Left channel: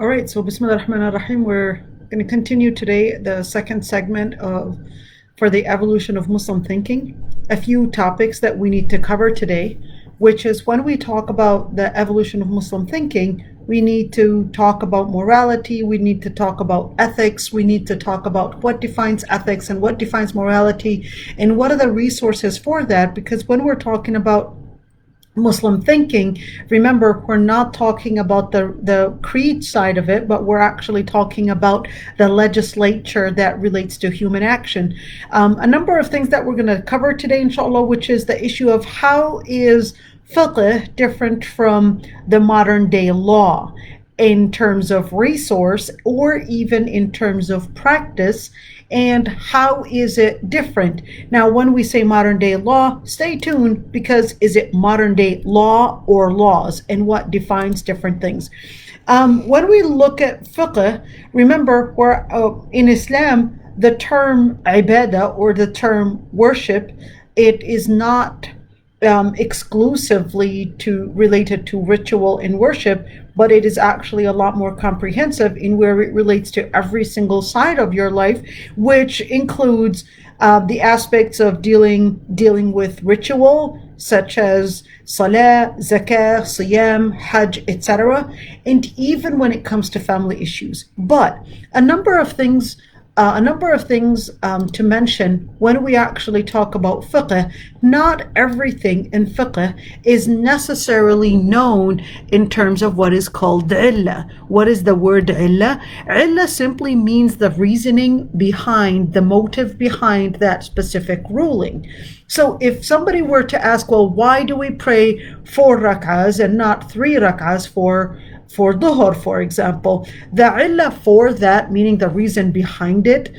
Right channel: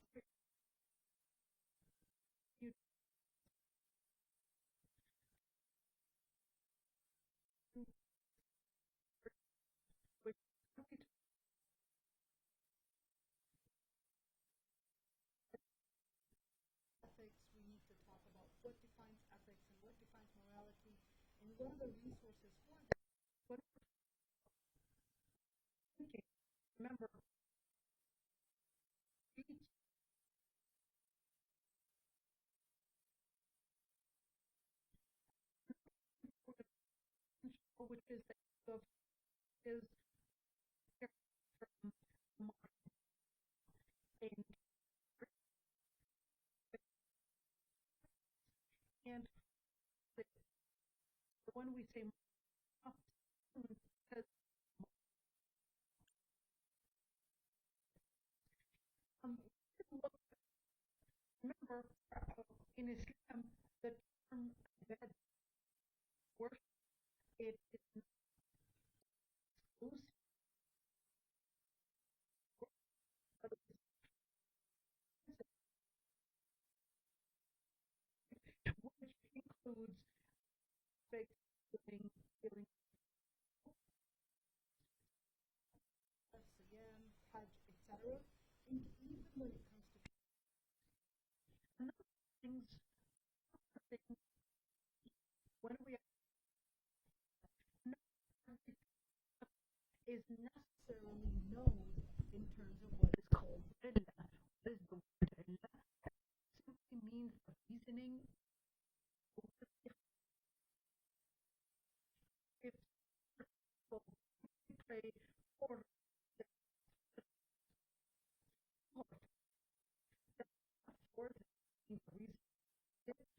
All right, so Bismillah ar-Rahman ar-Rahim. We're going to continue today the second segment of for the evolution of Muslim thinking. A few topics that we need to cover today, which is when we talk about the evolution of Muslim thinking, we need to talk about morality, we need to talk about ethics, we need to talk about what defines ethics and what defines morality, and what are the resources for that. Because when we're talking about Muslim thinking, remember, we're not talking about the creed side of it, but we're actually talking about the legislature that relates to human action. A number of things that we're going to cover today, inshallah, which is the issue of how is fiqh different from the modern day law in terms of resource or even in terms of practice, and how is it different? Now, when we say modern day law, stay tuned, because is it modern day law or laws, and what defines different things? When we look at fiqh, remember, in Islam, the term ibadah, or the term worship, it is not exclusively related to ritual and worship, but it is actually a lot more comprehensive in where it relates to every single side of your life, which includes the aspects of dealing with ritual, such as salah, zakah, siyam, hajj, etc., and even when it comes to family issues. But a number of things to mention when we actually talk about fiqh. Not everything in fiqh is necessarily known in terms of what is called illah. What is the word illah? Illah simply means the reasoning behind, the motive behind that specific ruling. So if somebody were to ask, well, why do we pray 4 rak'ahs and not 3 rak'ahs for dhuhr, for example? The illah for that, meaning the reason behind it,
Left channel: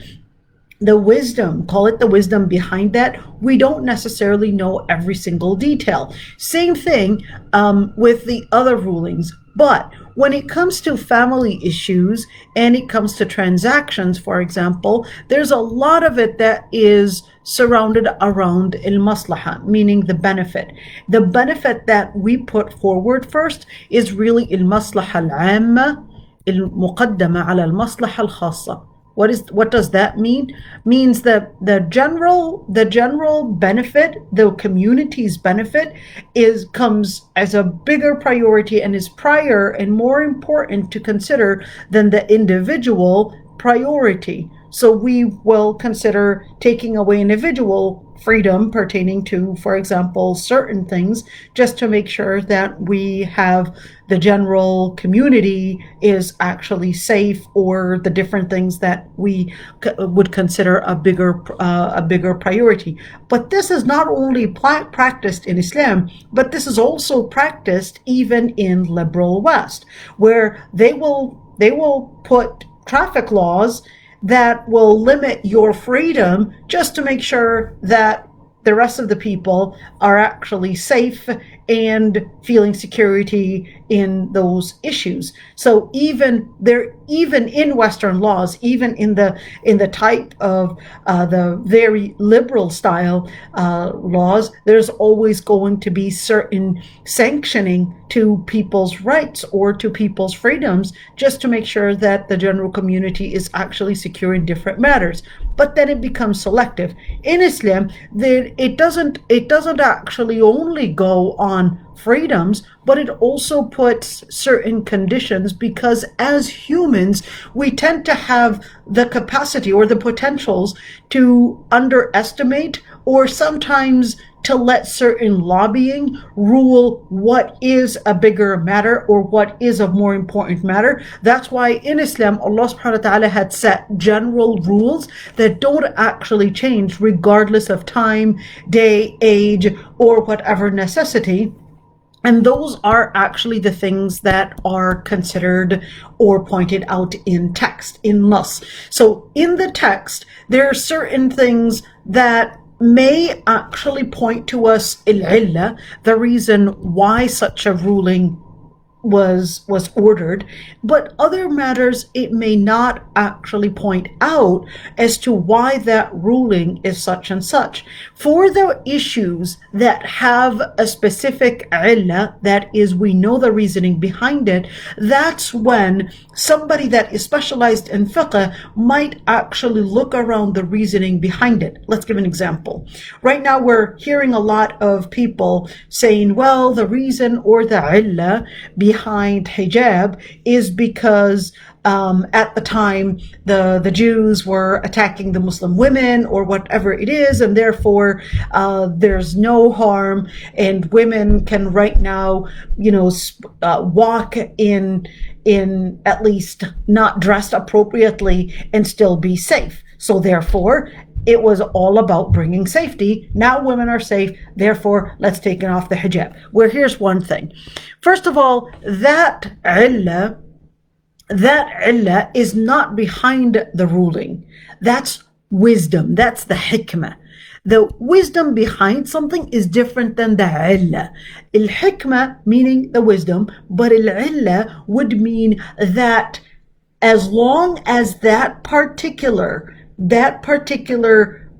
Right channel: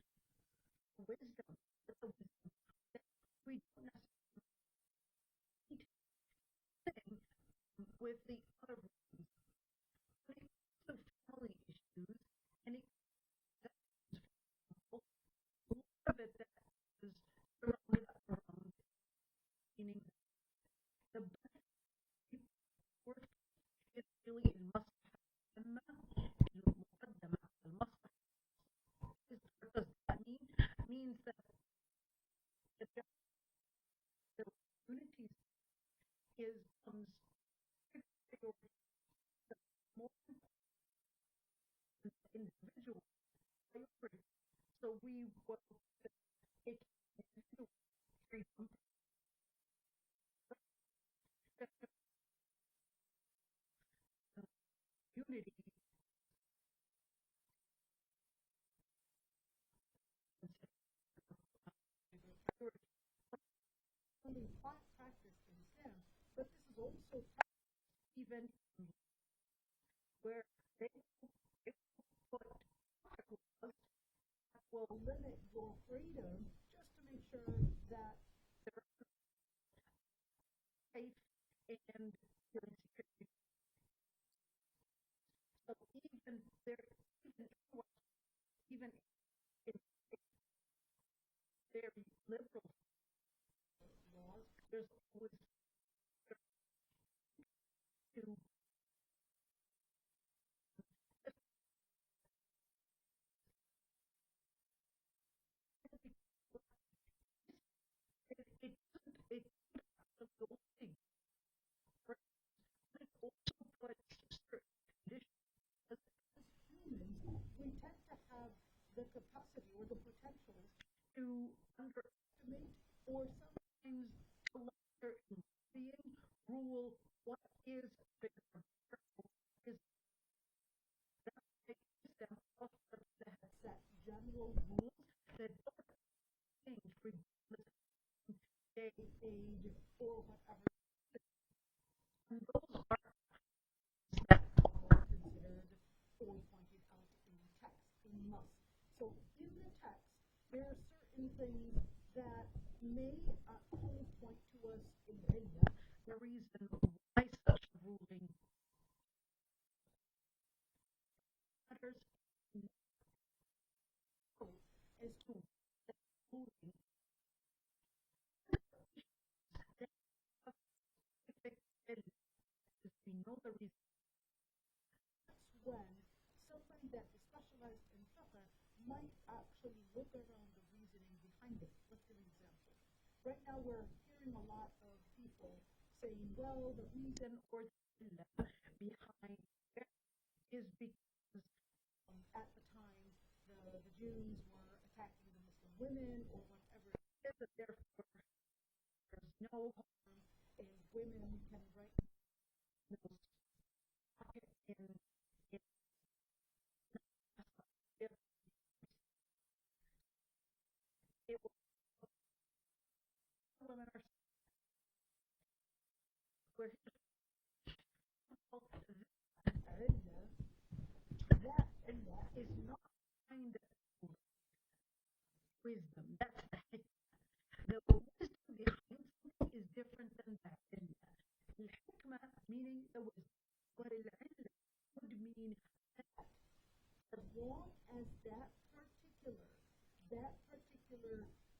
the wisdom, call it the wisdom behind that, we don't necessarily know every single detail. Same thing with the other rulings. But when it comes to family issues and it comes to transactions, for example, there's a lot of it that is surrounded around al-maslaha, meaning the benefit. The benefit that we put forward first is really al-maslaha al-amma al-muqaddama ala al-maslaha al-khassa. What does that mean? Means that the general benefit, the community's benefit, comes as a bigger priority and is prior and more important to consider than the individual priority. So we will consider taking away individual freedom pertaining to, for example, certain things, just to make sure that we have the general community is actually safe, or the different things that we would consider a bigger priority. But this is not only practiced in Islam, but this is also practiced even in liberal West, where they will put traffic laws that will limit your freedom just to make sure that the rest of the people are actually safe and feeling security in those issues. So even in Western laws, even in the type of the very liberal style laws, there's always going to be certain sanctioning to people's rights or to people's freedoms, just to make sure that the general community is actually secure in different matters. But then it becomes selective. In Islam, it doesn't actually only go on freedoms, but it also puts certain conditions, because as humans, we tend to have the capacity or the potentials to underestimate, or sometimes to let certain lobbying rule what is a bigger matter or what is a more important matter. That's why in Islam, Allah subhanahu wa ta'ala had set general rules that don't actually change regardless of time, day, age, or whatever necessity. And those are actually the things that are considered or pointed out in text, in nas. So in the text, there are certain things that may actually point to us il-illah, the reason why such a ruling was ordered, but other matters it may not actually point out as to why that ruling is such and such. For the issues that have a specific illah, that is, we know the reasoning behind it, that's when somebody that is specialized in fiqh might actually look around the reasoning behind it. Let's give an example. Right now we're hearing a lot of people saying, well, the reason or the illah behind hijab is because at the time the Jews were attacking the Muslim women or whatever it is, and therefore there's no harm, and women can right now, walk in at least not dressed appropriately and still be safe. So therefore, it was all about bringing safety. Now women are safe, therefore let's take off the hijab. Well, here's one thing. First of all, that illah is not behind the ruling. That's wisdom. That's the hikmah. The wisdom behind something is different than the illah. Al-hikmah meaning the wisdom, but al-illah would mean that as long as that particular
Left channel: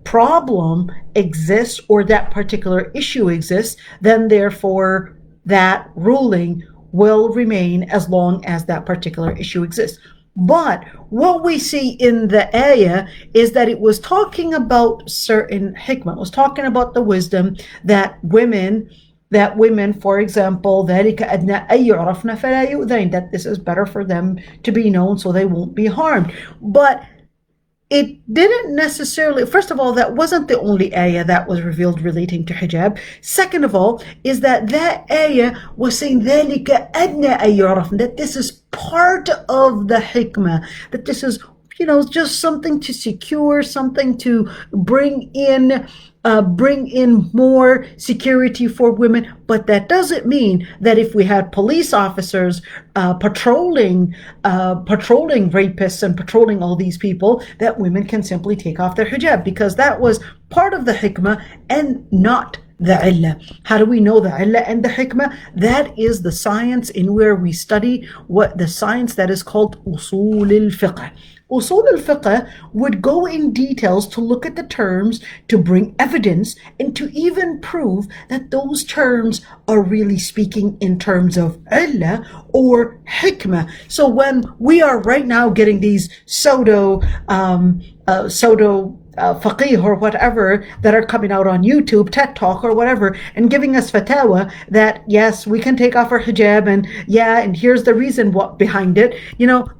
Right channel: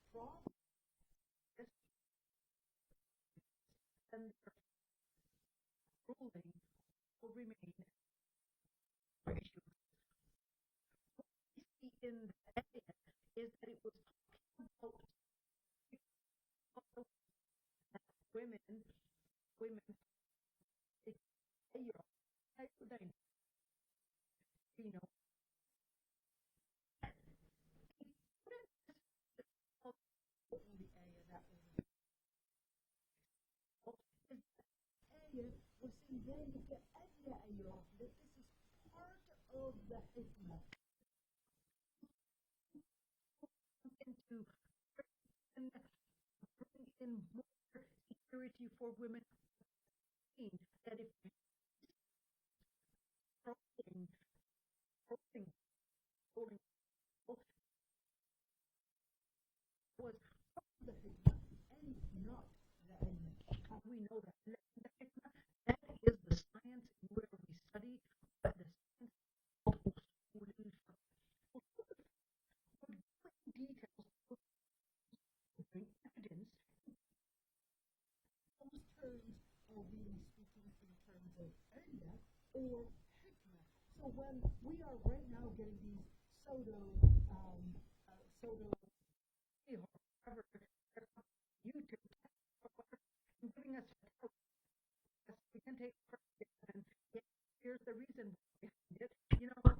problem exists or that particular issue exists, then therefore that ruling will remain as long as that particular issue exists. But what we see in the ayah is that it was talking about certain hikmah. It was talking about the wisdom that women, for example, that this is better for them to be known so they won't be harmed. But it didn't necessarily, first of all, that wasn't the only ayah that was revealed relating to hijab. Second of all, is that ayah was saying that this is part of the hikmah, that this is, just something to secure, something to bring in more security for women. But that doesn't mean that if we had police officers patrolling rapists and patrolling all these people, that women can simply take off their hijab, because that was part of the hikmah and not the illah. How do we know the illah and the hikmah? That is the science in where we study the science that is called usul al-fiqh. Usul al-fiqh would go in details to look at the terms, to bring evidence, and to even prove that those terms are really speaking in terms of illah or hikmah. So when we are right now getting these pseudo faqih or whatever that are coming out on YouTube, TED Talk or whatever, and giving us fatwa that yes, we can take off our hijab, and here's the reason behind it.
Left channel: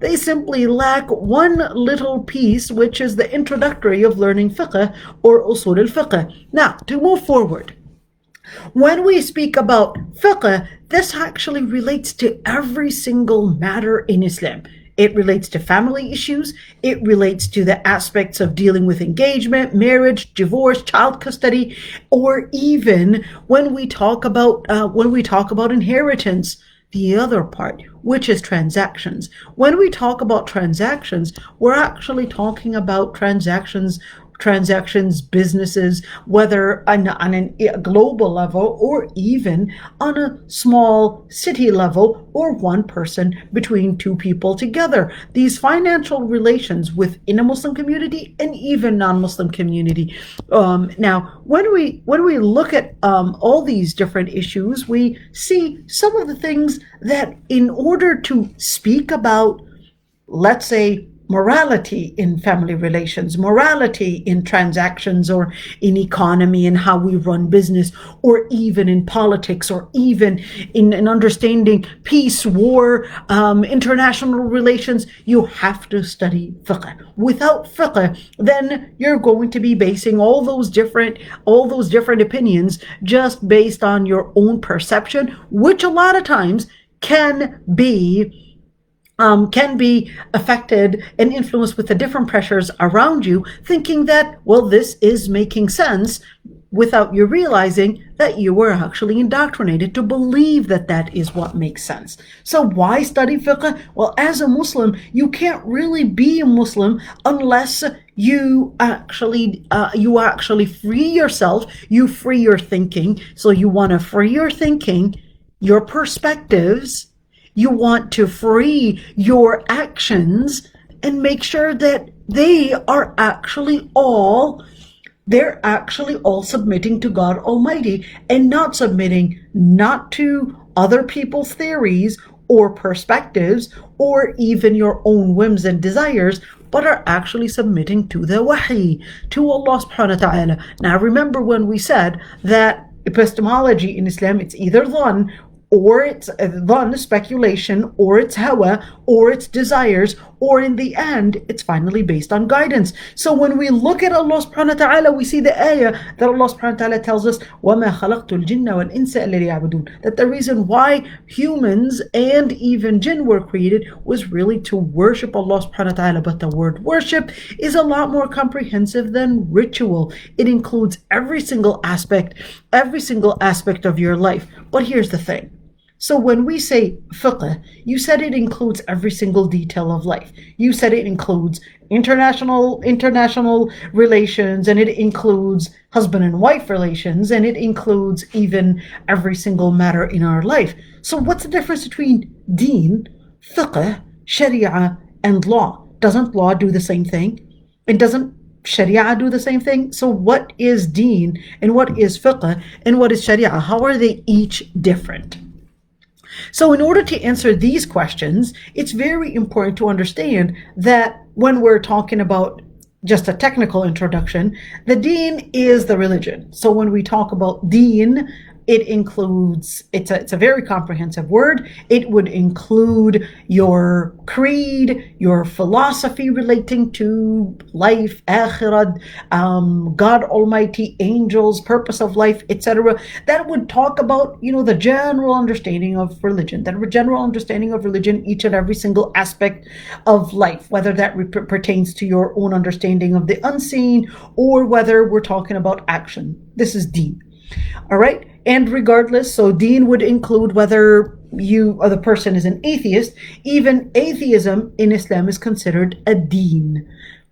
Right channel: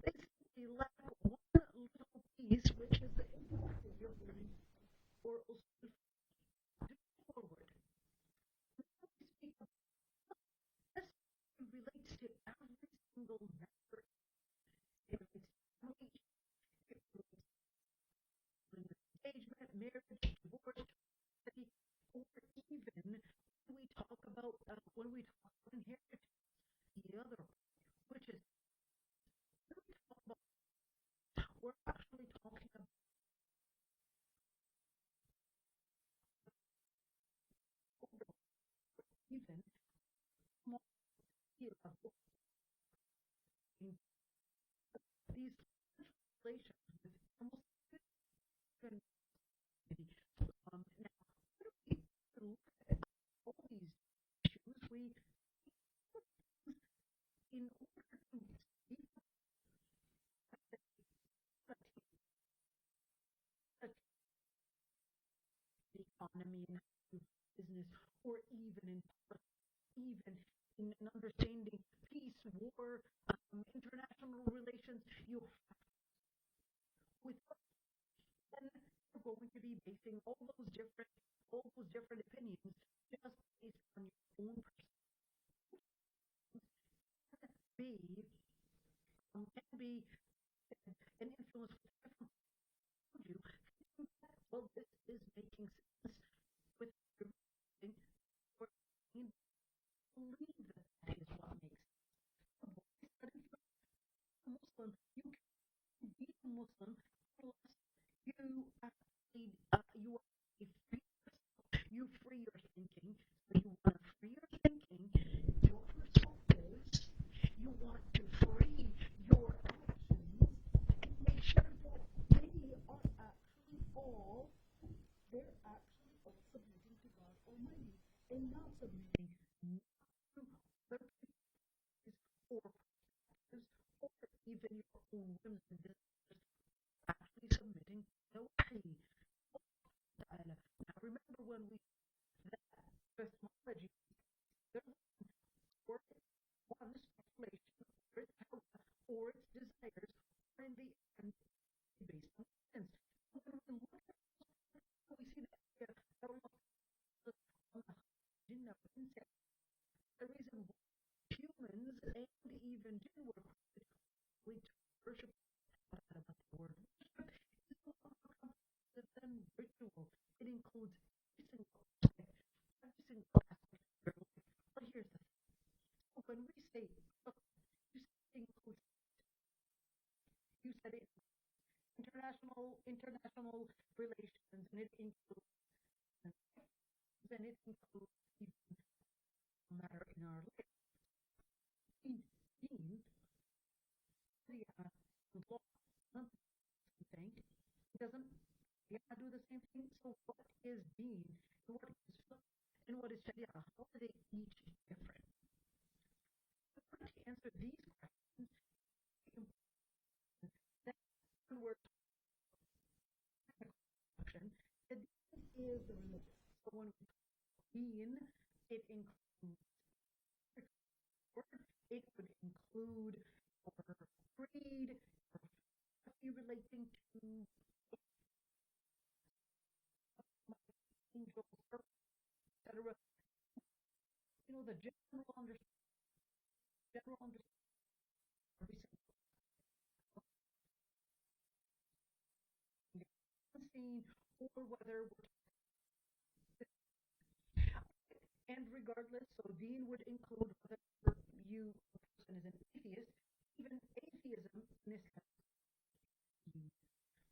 They simply lack one little piece, which is the introductory of learning fiqh or usul al-fiqh. Now, to move forward, when we speak about fiqh, this actually relates to every single matter in Islam. It relates to family issues. It relates to the aspects of dealing with engagement, marriage, divorce, child custody, or even when we talk about inheritance, the other part, which is transactions. When we talk about transactions, we're actually talking about transactions, businesses, whether on a global level or even on a small city level or one person between two people together. These financial relations within a Muslim community and even non-Muslim community. Now, when we look at all these different issues, we see some of the things that in order to speak about, let's say, morality in family relations, morality in transactions or in economy and how we run business, or even in politics, or even in understanding peace, war, international relations, you have to study fiqh. Without fiqh, then you're going to be basing all those different opinions just based on your own perception, which a lot of times can be affected and influenced with the different pressures around you, thinking that, well, this is making sense, without you realizing that you were actually indoctrinated to believe that that is what makes sense. So why study fiqh? Well, as a Muslim, you can't really be a Muslim unless you actually free yourself, you free your thinking. So you want to free your thinking, your perspectives, You want to free your actions and make sure that they're actually all submitting to God Almighty and not submitting not to other people's theories or perspectives or even your own whims and desires, but are actually submitting to the wahi, to Allah subhanahu wa ta'ala. Now remember when we said that epistemology in Islam, it's either dhan, or it's dhan, speculation, or it's hawa, or it's desires, or in the end, it's finally based on guidance. So when we look at Allah subhanahu wa ta'ala, we see the ayah that Allah subhanahu wa ta'ala tells us, وَمَا خَلَقْتُ الْجِنَّ وَالْإِنسَ إِلَّا لِيَعْبُدُونَ, that the reason why humans and even jinn were created was really to worship Allah subhanahu wa ta'ala. But the word worship is a lot more comprehensive than ritual. It includes every single aspect of your life. But here's the thing. So when we say fiqh, you said it includes every single detail of life. You said it includes international relations, and it includes husband and wife relations, and it includes even every single matter in our life. So what's the difference between deen, fiqh, sharia, and law? Doesn't law do the same thing? And doesn't sharia do the same thing? So what is deen, and what is fiqh, and what is sharia? How are they each different? So in order to answer these questions, it's very important to understand that when we're talking about just a technical introduction, the deen is the religion. So when we talk about deen, it includes, it's a very comprehensive word. It would include your creed, your philosophy relating to life, akhirat, God Almighty, angels, purpose of life, etc. That would talk about, the general understanding of religion, each and every single aspect of life, whether that pertains to your own understanding of the unseen or whether we're talking about action. This is deen. All right. And regardless, so deen would include whether you or the person is an atheist. Even atheism in Islam is considered a deen.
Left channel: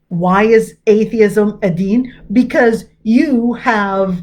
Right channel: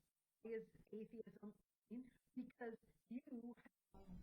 Why is atheism a deen? Because you have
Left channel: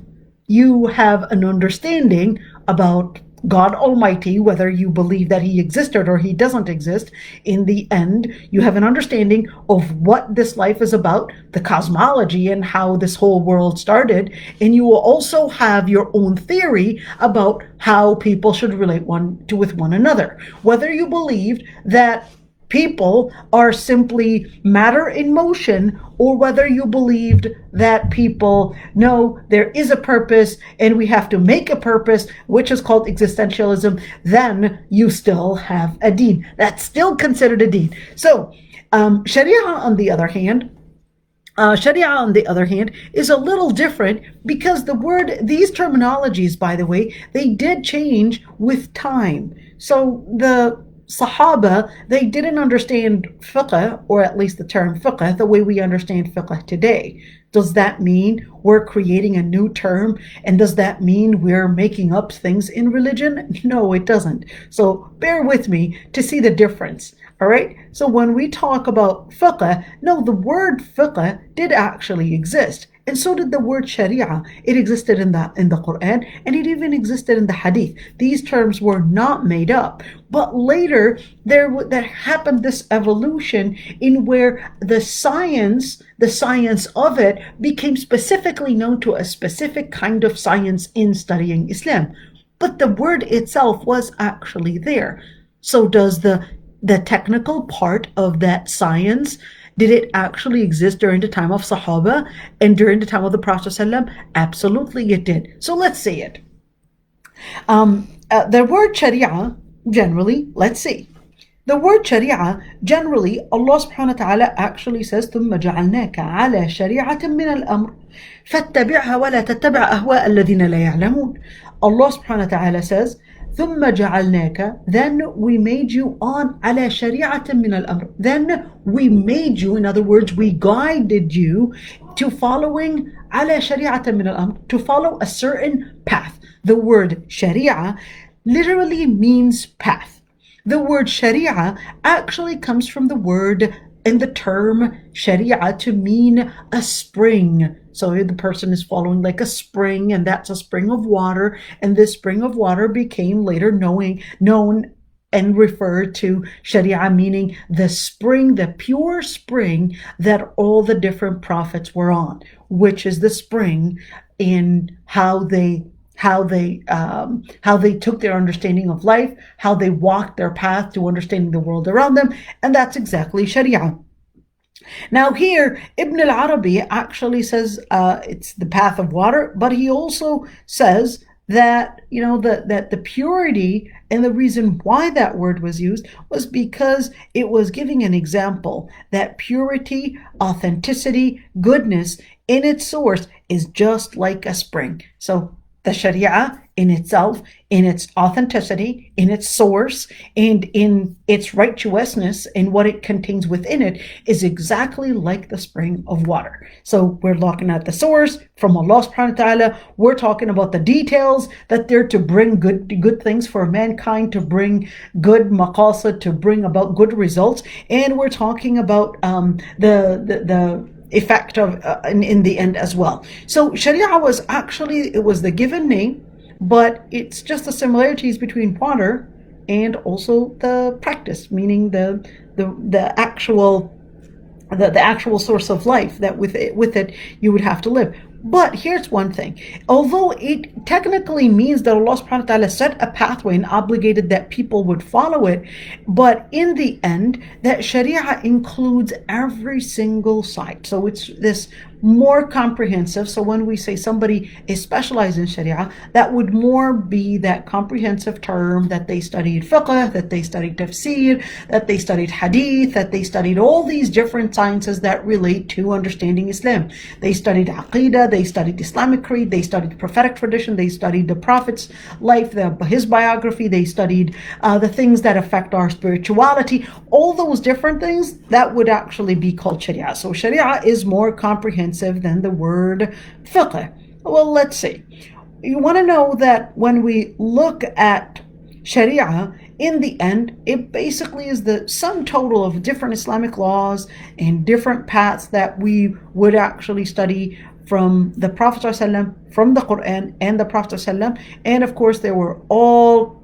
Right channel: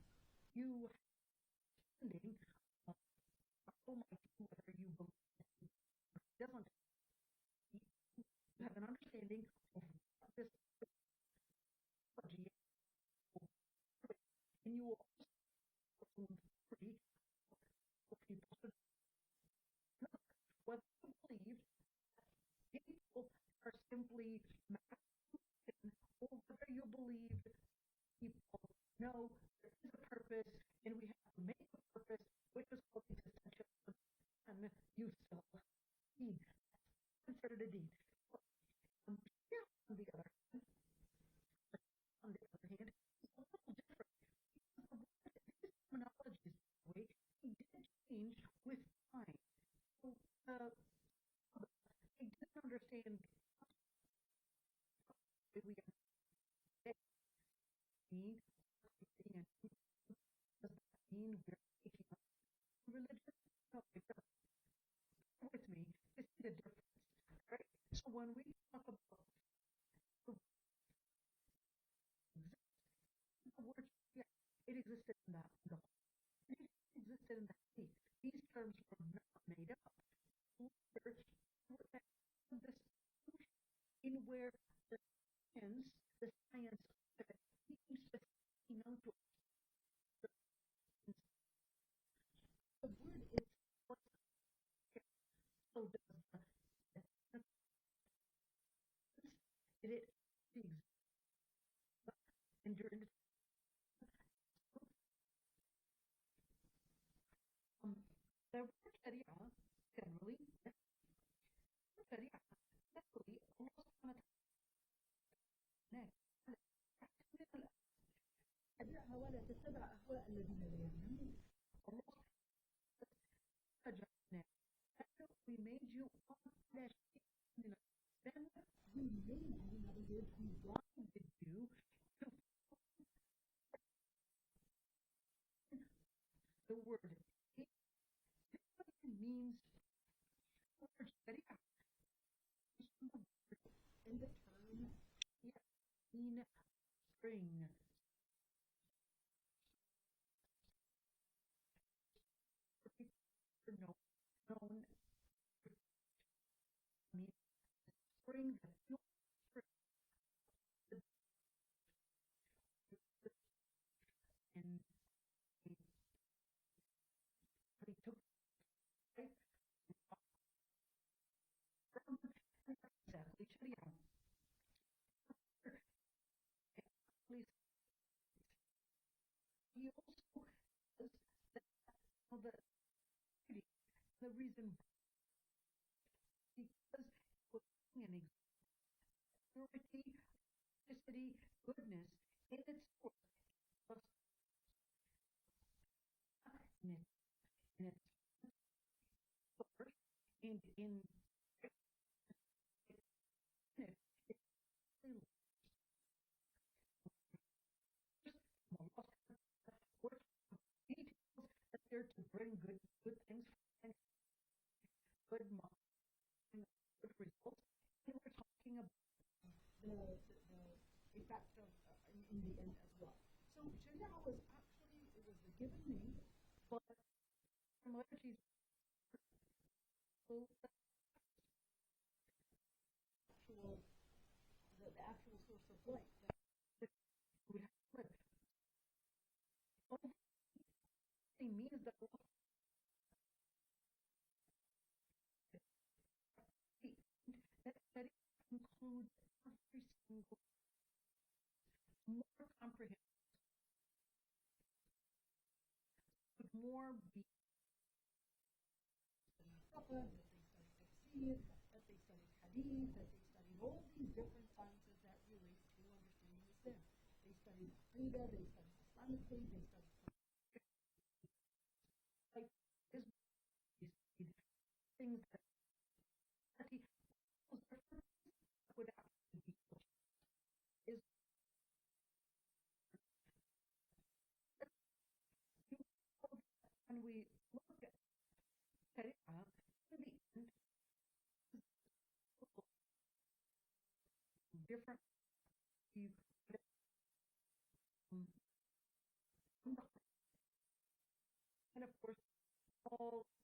an understanding about God Almighty, whether you believe that he existed or he doesn't exist. In the end, you have an understanding of what this life is about, the cosmology and how this whole world started. And you will also have your own theory about how people should relate with one another. Whether you believed that people are simply matter in motion, or whether you believed that people know there is a purpose and we have to make a purpose, which is called existentialism, then you still have a deen. That's still considered a deen. So Sharia, on the other hand, is a little different because these terminologies, by the way, they did change with time. So the Sahaba, they didn't understand fiqh, or at least the term fiqh, the way we understand fiqh today. Does that mean we're creating a new term? And does that mean we're making up things in religion? No, it doesn't. So bear with me to see the difference. All right. So when we talk about fiqh, no, the word fiqh did actually exist. And so did the word sharia. It existed in the Quran, and it even existed in the hadith. These terms were not made up. But later, there happened this evolution in where the science of it became specifically known to a specific kind of science in studying Islam. But the word itself was actually there. So does the technical part of that science, did it actually exist during the time of Sahaba and during the time of the Prophet ﷺ? Absolutely it did. So let's see it. The word Sharia, generally, let's see. The word Sharia, generally, Allah subhanahu wa ta'ala actually says, ثُمَّ جَعَلْنَاكَ عَلَى شَرِيعَةٍ مِّنَ الْأَمْرِ فَاتَّبِعْهَا وَلَا تَتَّبِعْ أَهْوَاءَ الَّذِينَ لَا يَعْلَمُونَ. Allah subhanahu wa ta'ala says, ثُمَّ جَعَلْنَاكَ, then we made you on عَلَى شَرِيعَةٍ مِّنَ الْأَمْرِ. Then we made you, in other words, we guided you to following عَلَى شَرِيعَةٍ مِّنَ الْأَمْرِ, to follow a certain path. The word Sharia literally means path. The word Sharia actually comes from the word and the term Sharia to mean a spring. So the person is following like a spring, and that's a spring of water. And this spring of water became later known and refer to Sharia meaning the spring, the pure spring that all the different prophets were on, which is the spring in how they took their understanding of life, how they walked their path to understanding the world around them, and that's exactly Sharia. Now here, Ibn al-Arabi actually says it's the path of water, but he also says that that the purity, and the reason why that word was used was because it was giving an example that purity, authenticity, goodness in its source is just like a spring. So the Sharia in itself, in its authenticity, in its source, and in its righteousness, and what it contains within it, is exactly like the spring of water. So we're looking at the source from Allah subhanahu wa ta'ala. We're talking about the details that they're to bring good things for mankind, to bring good maqasid, to bring about good results. And we're talking about the effect of in the end as well. So Sharia was actually, it was the given name, but it's just the similarities between water and also the practice, meaning the actual source of life that with it you would have to live. But here's one thing. Although it technically means that Allah subhanahu wa ta'ala set a pathway and obligated that people would follow it, but in the end, that Sharia includes every single side. So it's this more comprehensive. So when we say somebody is specialized in Sharia, that would more be that comprehensive term that they studied fiqh, that they studied tafsir, that they studied hadith, that they studied all these different sciences that relate to understanding Islam. They studied aqidah, they studied Islamic creed, they studied prophetic tradition, they studied the Prophet's life, his biography, they studied the things that affect our spirituality, all those different things that would actually be called Sharia. So Sharia is more comprehensive than the word fiqh. Well, let's see. You want to know that when we look at Sharia, in the end, it basically is the sum total of different Islamic laws and different paths that we would actually study from the Prophet ﷺ, from the Quran and the Prophet ﷺ, and of course they were all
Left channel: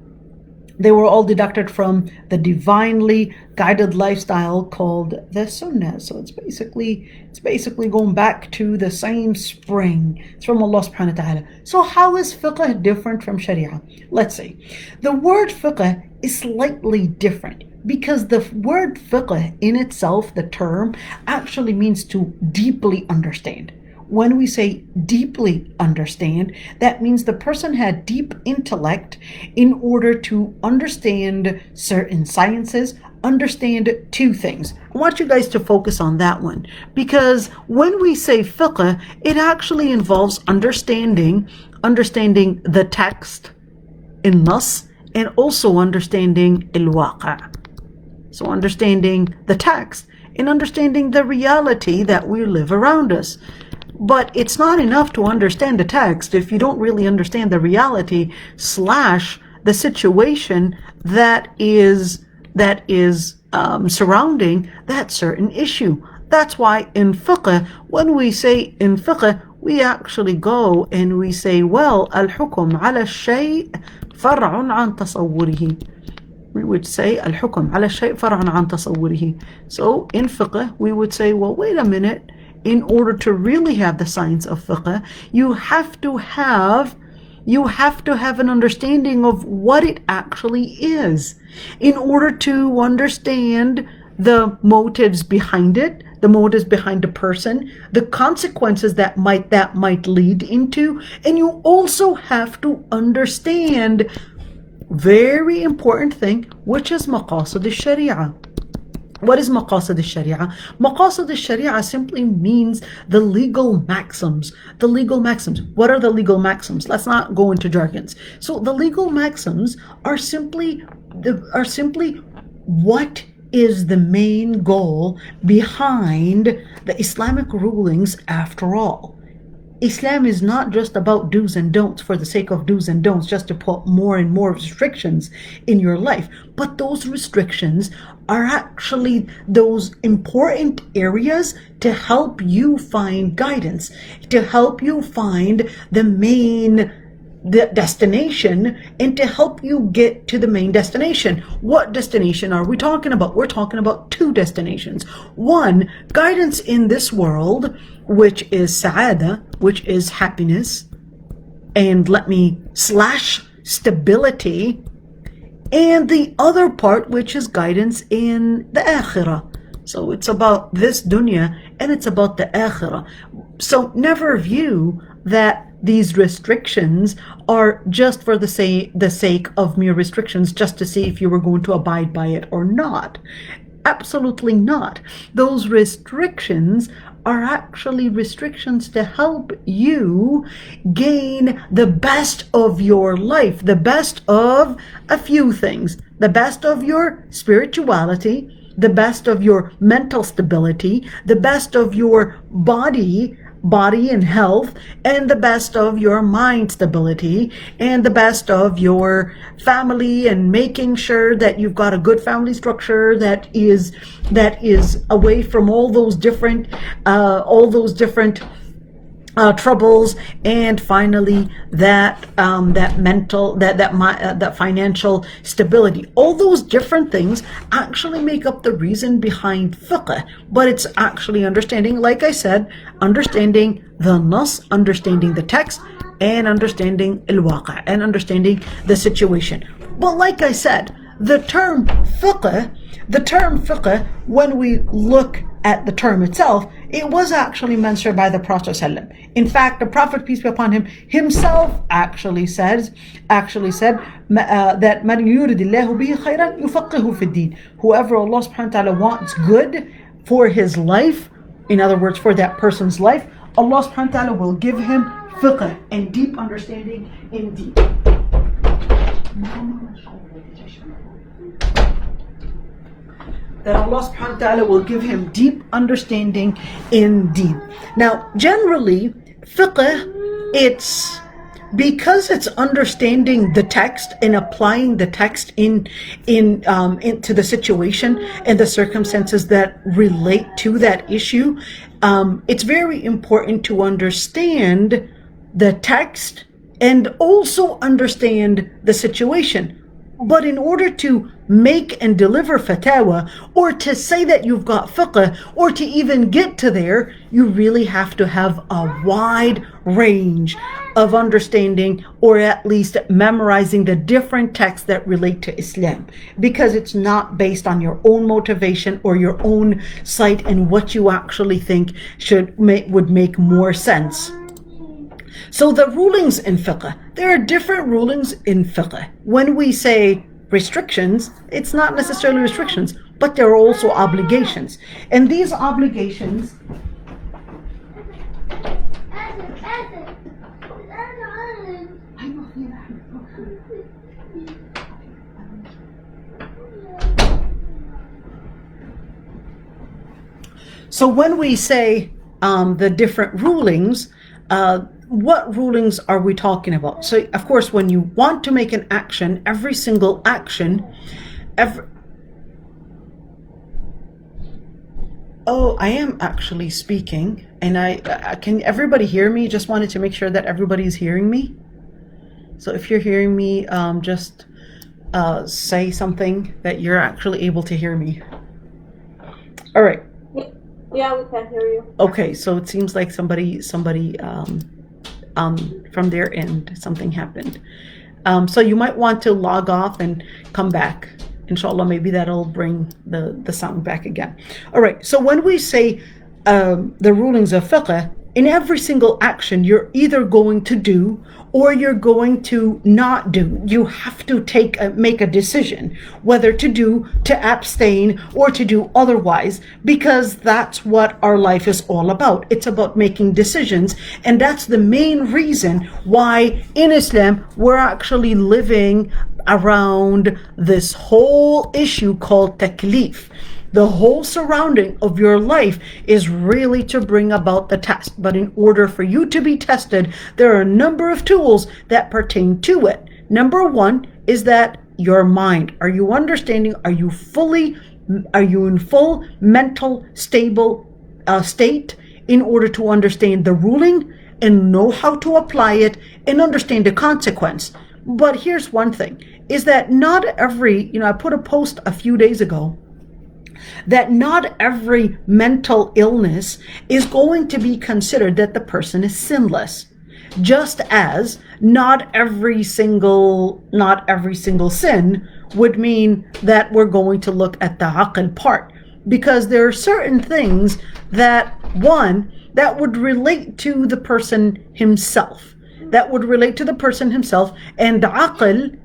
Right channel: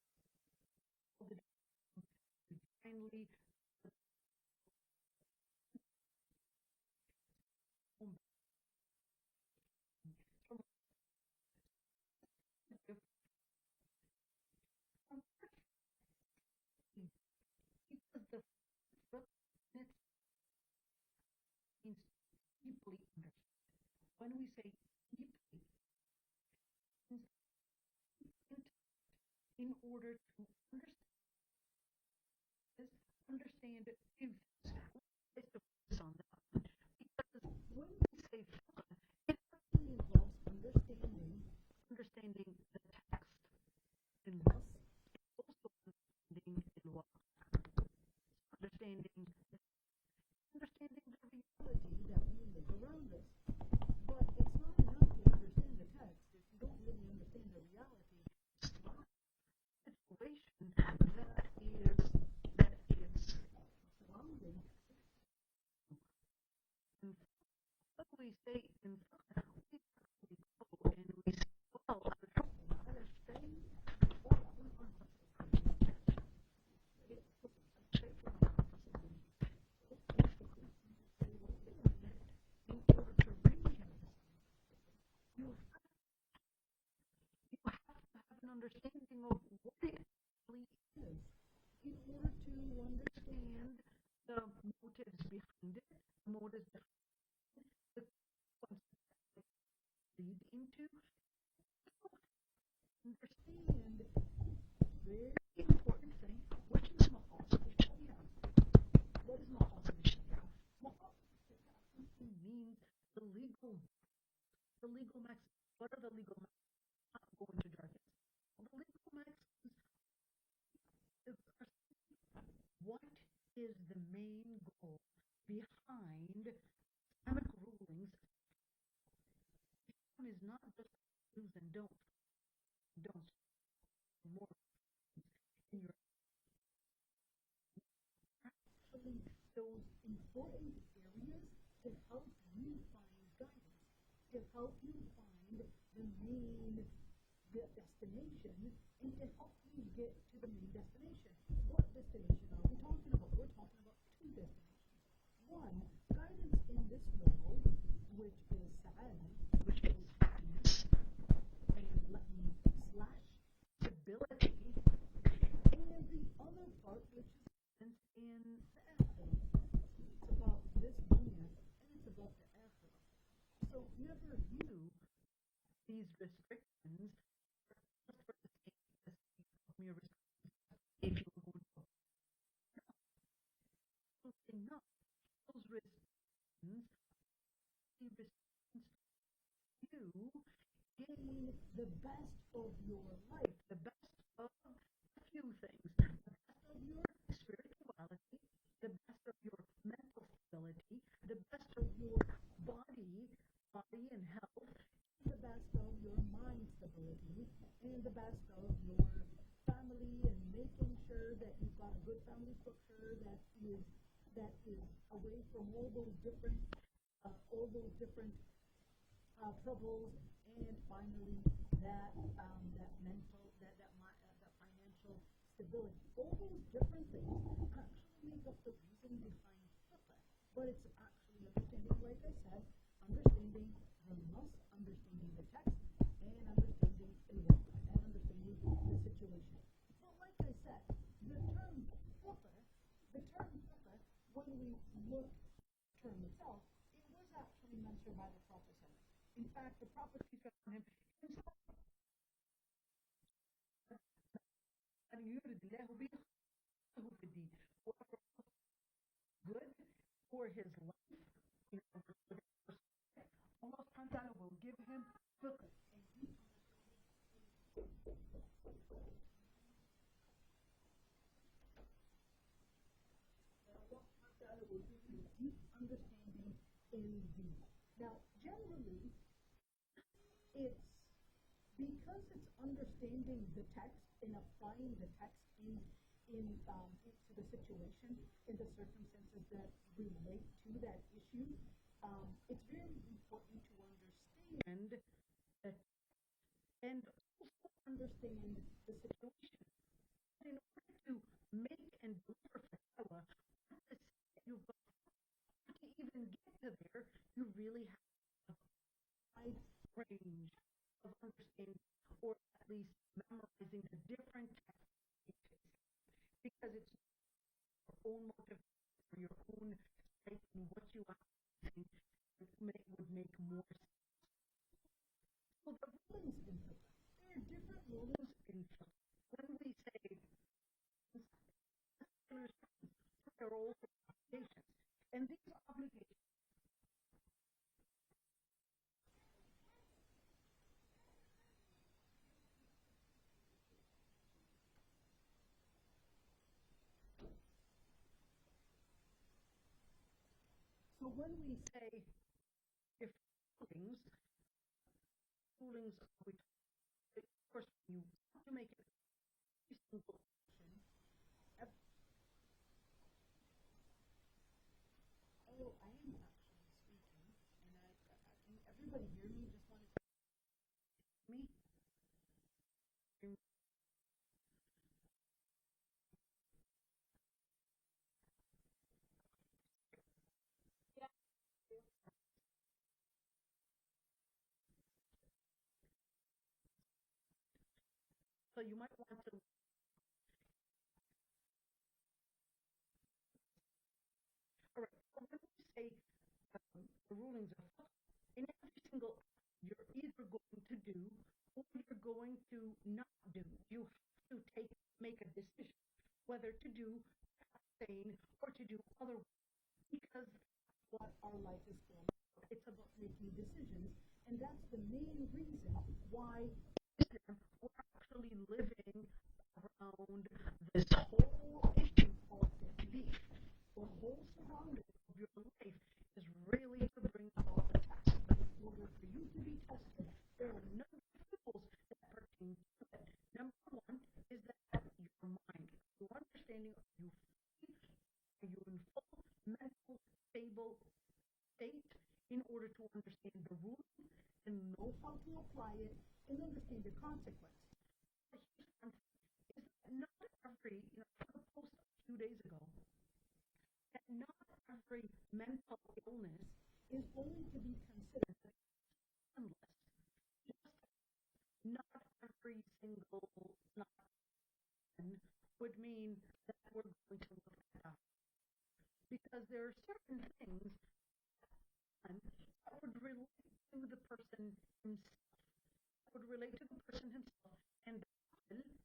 deducted from the divinely guided lifestyle called the Sunnah. So it's basically going back to the same spring. It's from Allah subhanahu wa ta'ala. So how is fiqh different from Sharia? Let's see. The word fiqh is slightly different, because the word fiqh in itself, the term, actually means to deeply understand. When we say deeply understand, that means the person had deep intellect in order to understand certain sciences, understand two things. I want you guys to focus on that one, because when we say fiqh, it actually involves understanding the text in nas, and also understanding al-waqa'. So understanding the text and understanding the reality that we live around us. But it's not enough to understand the text if you don't really understand the reality / the situation that is surrounding that certain issue. That's why in fiqh, when we say in fiqh, we actually go and we say, well, al-hukm ala shay' far'un an tasawwurihi. We would say al-hukm ala shay' far'un an tasawwurihi. So in fiqh, we would say, well, wait a minute. In order to really have the science of fiqh, you have to have an understanding of what it actually is, in order to understand the motives behind it, the motives behind the person, the consequences that might lead into, and you also have to understand very important thing, which is maqasid al-sharia. What is maqasid al-sharia? Maqasid al-sharia simply means the legal maxims. The legal maxims. What are the legal maxims? Let's not go into jargons. So the legal maxims are simply what is the main goal behind the Islamic rulings after all. Islam is not just about do's and don'ts for the sake of do's and don'ts, just to put more and more restrictions in your life. But those restrictions are actually those important areas to help you find guidance, to help you find the main the destination and to help you get to the main destination. What destination are we talking about? We're talking about two destinations. One, guidance in this world, which is sa'ada, which is happiness, and let me slash stability, and the other part, which is guidance in the akhirah. So it's about this dunya and it's about the akhirah. So never view that these restrictions are just for the sake of mere restrictions, just to see if you were going to abide by it or not. Absolutely not. Those restrictions are actually restrictions to help you gain the best of your life, the best of a few things, the best of your spirituality, the best of your mental stability, the best of your body and health, and the best of your mind stability, and the best of your family, and making sure that you've got a good family structure that is away from all those different troubles, and finally that financial stability. All those different things actually make up the reason behind fiqh, but it's actually understanding, like I said, understanding the nas, understanding the text, and understanding al-waqa', and understanding the situation. But like I said, the term fiqh, when we look at the term itself, it was actually mentioned by the Prophet ﷺ. In fact, the Prophet, peace be upon him, himself actually said that man yuridillahu bihi khayran yufaqihu fi din. Whoever Allah subhanahu wa ta'ala wants good for his life, in other words, for that person's life, Allah subhanahu wa ta'ala will give him fiqh and deep understanding in deen. That Allah subhanahu wa ta'ala will give him deep understanding in deen. Now, generally, fiqh, it's because it's understanding the text and applying the text into the situation and the circumstances that relate to that issue. It's very important to understand the text and also understand the situation. But in order to make and deliver fatwa, or to say that you've got fiqh, or to even get to there, you really have to have a wide range of understanding, or at least memorizing the different texts that relate to Islam, because it's not based on your own motivation or your own sight and what you actually think would make more sense. So the rulings in fiqh, there are different rulings in fiqh. When we say restrictions, it's not necessarily restrictions, but there are also obligations. And these obligations So when we say the different rulings, what rulings are we talking about? So, of course, when you want to make an action, every single action, Oh, I am actually speaking, and can everybody hear me? Just wanted to make sure that everybody's hearing me. So if you're hearing me, just say something that you're actually able to hear me. All right. Yeah, we can hear you. Okay, so it seems like somebody from their end, something happened. So you might want to log off and come back. Inshallah, maybe that'll bring the sound back again. All right, so when we say the rulings of fiqh, in every single action, you're either going to do or you're going to not do. You have to make a decision whether to do, to abstain, or to do otherwise, because that's what our life is all about. It's about making decisions, and that's the main reason why in Islam we're actually living around this whole issue called taklif. The whole surrounding of your life is really to bring about the test. But in order for you to be tested, there are a number of tools that pertain to it. Number one is that your mind. Are you understanding? Are you in full mental stable state in order to understand the ruling and know how to apply it and understand the consequence. But here's one thing, is that not every, I put a post a few days ago that not every mental illness is going to be considered that the person is sinless. Just as not every single sin would mean that we're going to look at the aql part, because there are certain things that would relate to the person himself, and aql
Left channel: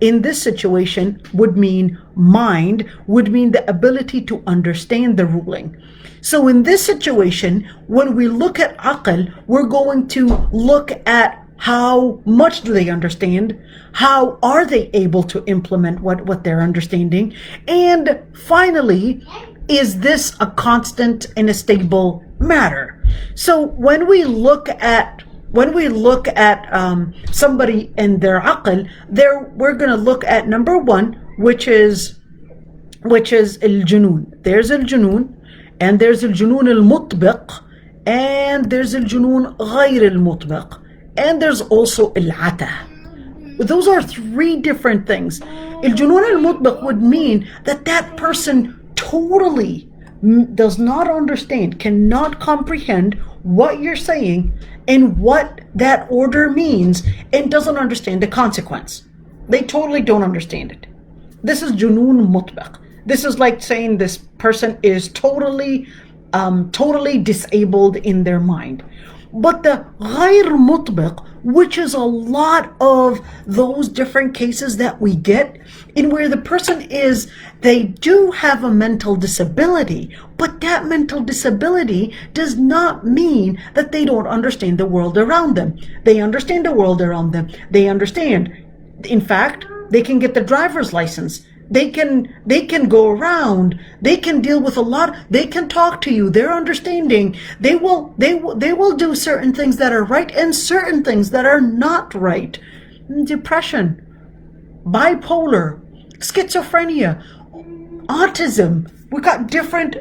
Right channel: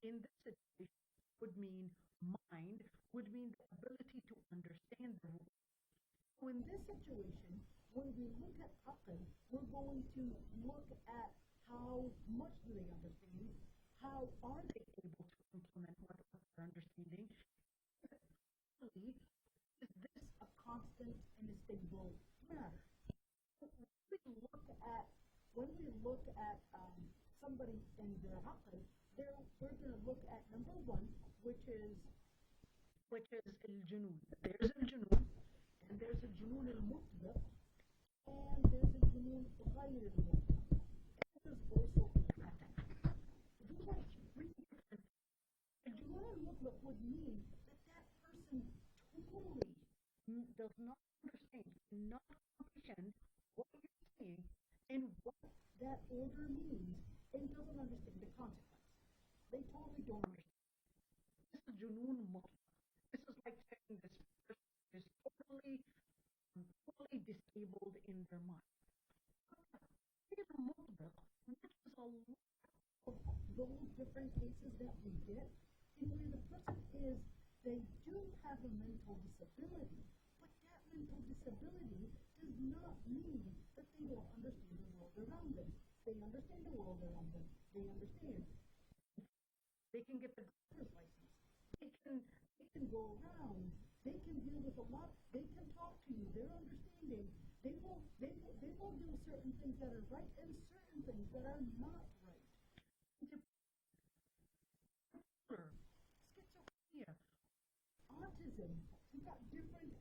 in this situation would mean mind, would mean the ability to understand the ruling. So in this situation, when we look at aql, we're going to look at how much do they understand, how are they able to implement what they're understanding, and finally, is this a constant and a stable matter? So when we look at somebody and their aql, we're going to look at number one, which is al-junoon. There's al-junoon, and there's al-junoon al-mutbiq, and there's al-junoon ghayr al-mutbiq, and there's also al-ata. Those are three different things. Al-junoon al-mutbiq would mean that person totally does not understand, cannot comprehend what you're saying and what that order means, and doesn't understand the consequence. They totally don't understand it. This is junoon mutbiq. This is like saying this person is totally disabled in their mind. But the ghayr mutbiq, which is a lot of those different cases that we get in where the person they do have a mental disability, but that mental disability does not mean that they don't understand the world around them. They understand the world around them. They understand. In fact, they can get the driver's license. They can go around. They can deal with a lot. They can talk to you. They're understanding. They will do certain things that are right and certain things that are not right. Depression, bipolar, schizophrenia, autism. We got different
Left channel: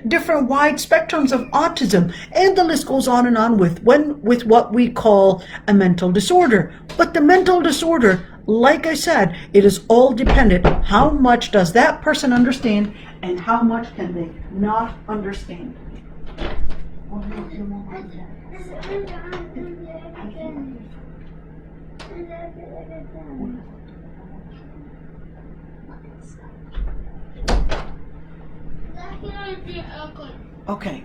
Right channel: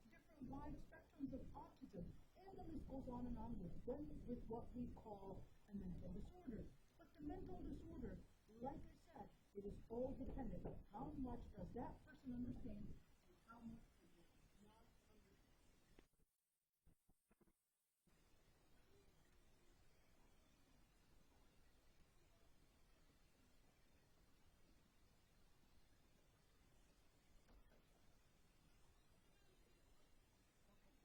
wide spectrums of autism, and the list goes on and on with what we call a mental disorder. But the mental disorder, like I said, it is all dependent. How much does that person understand, and how much can they not understand? Okay.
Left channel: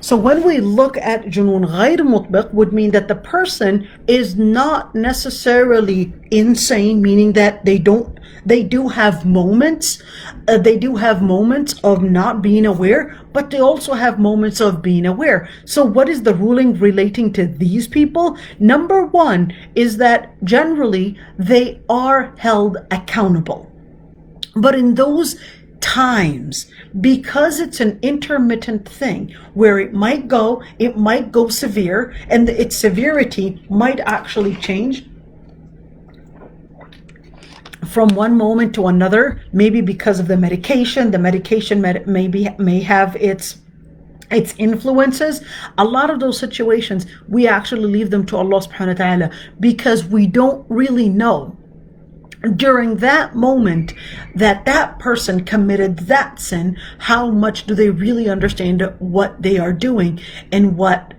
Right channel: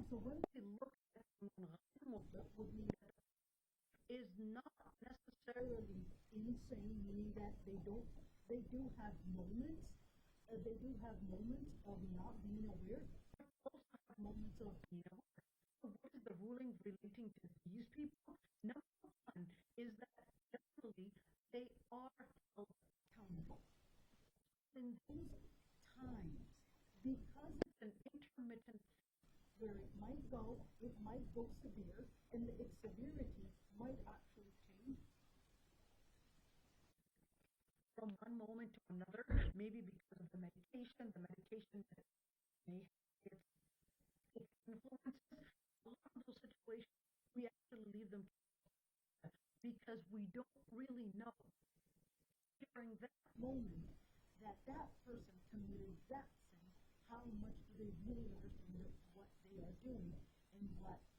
So when we look at junoon ghayr mutbiq, would mean that the person is not necessarily insane, meaning that they do have moments of not being aware, but they also have moments of being aware. So what is the ruling relating to these people? Number one is that generally they are held accountable. But in those times, because it's an intermittent thing where it might go severe, and its severity might actually change from one moment to another, maybe because of the medication may have its influences. A lot of those situations, we actually leave them to Allah subhanahu wa ta'ala, because we don't really know during that moment that person committed that sin, how much do they really understand what they are doing, and what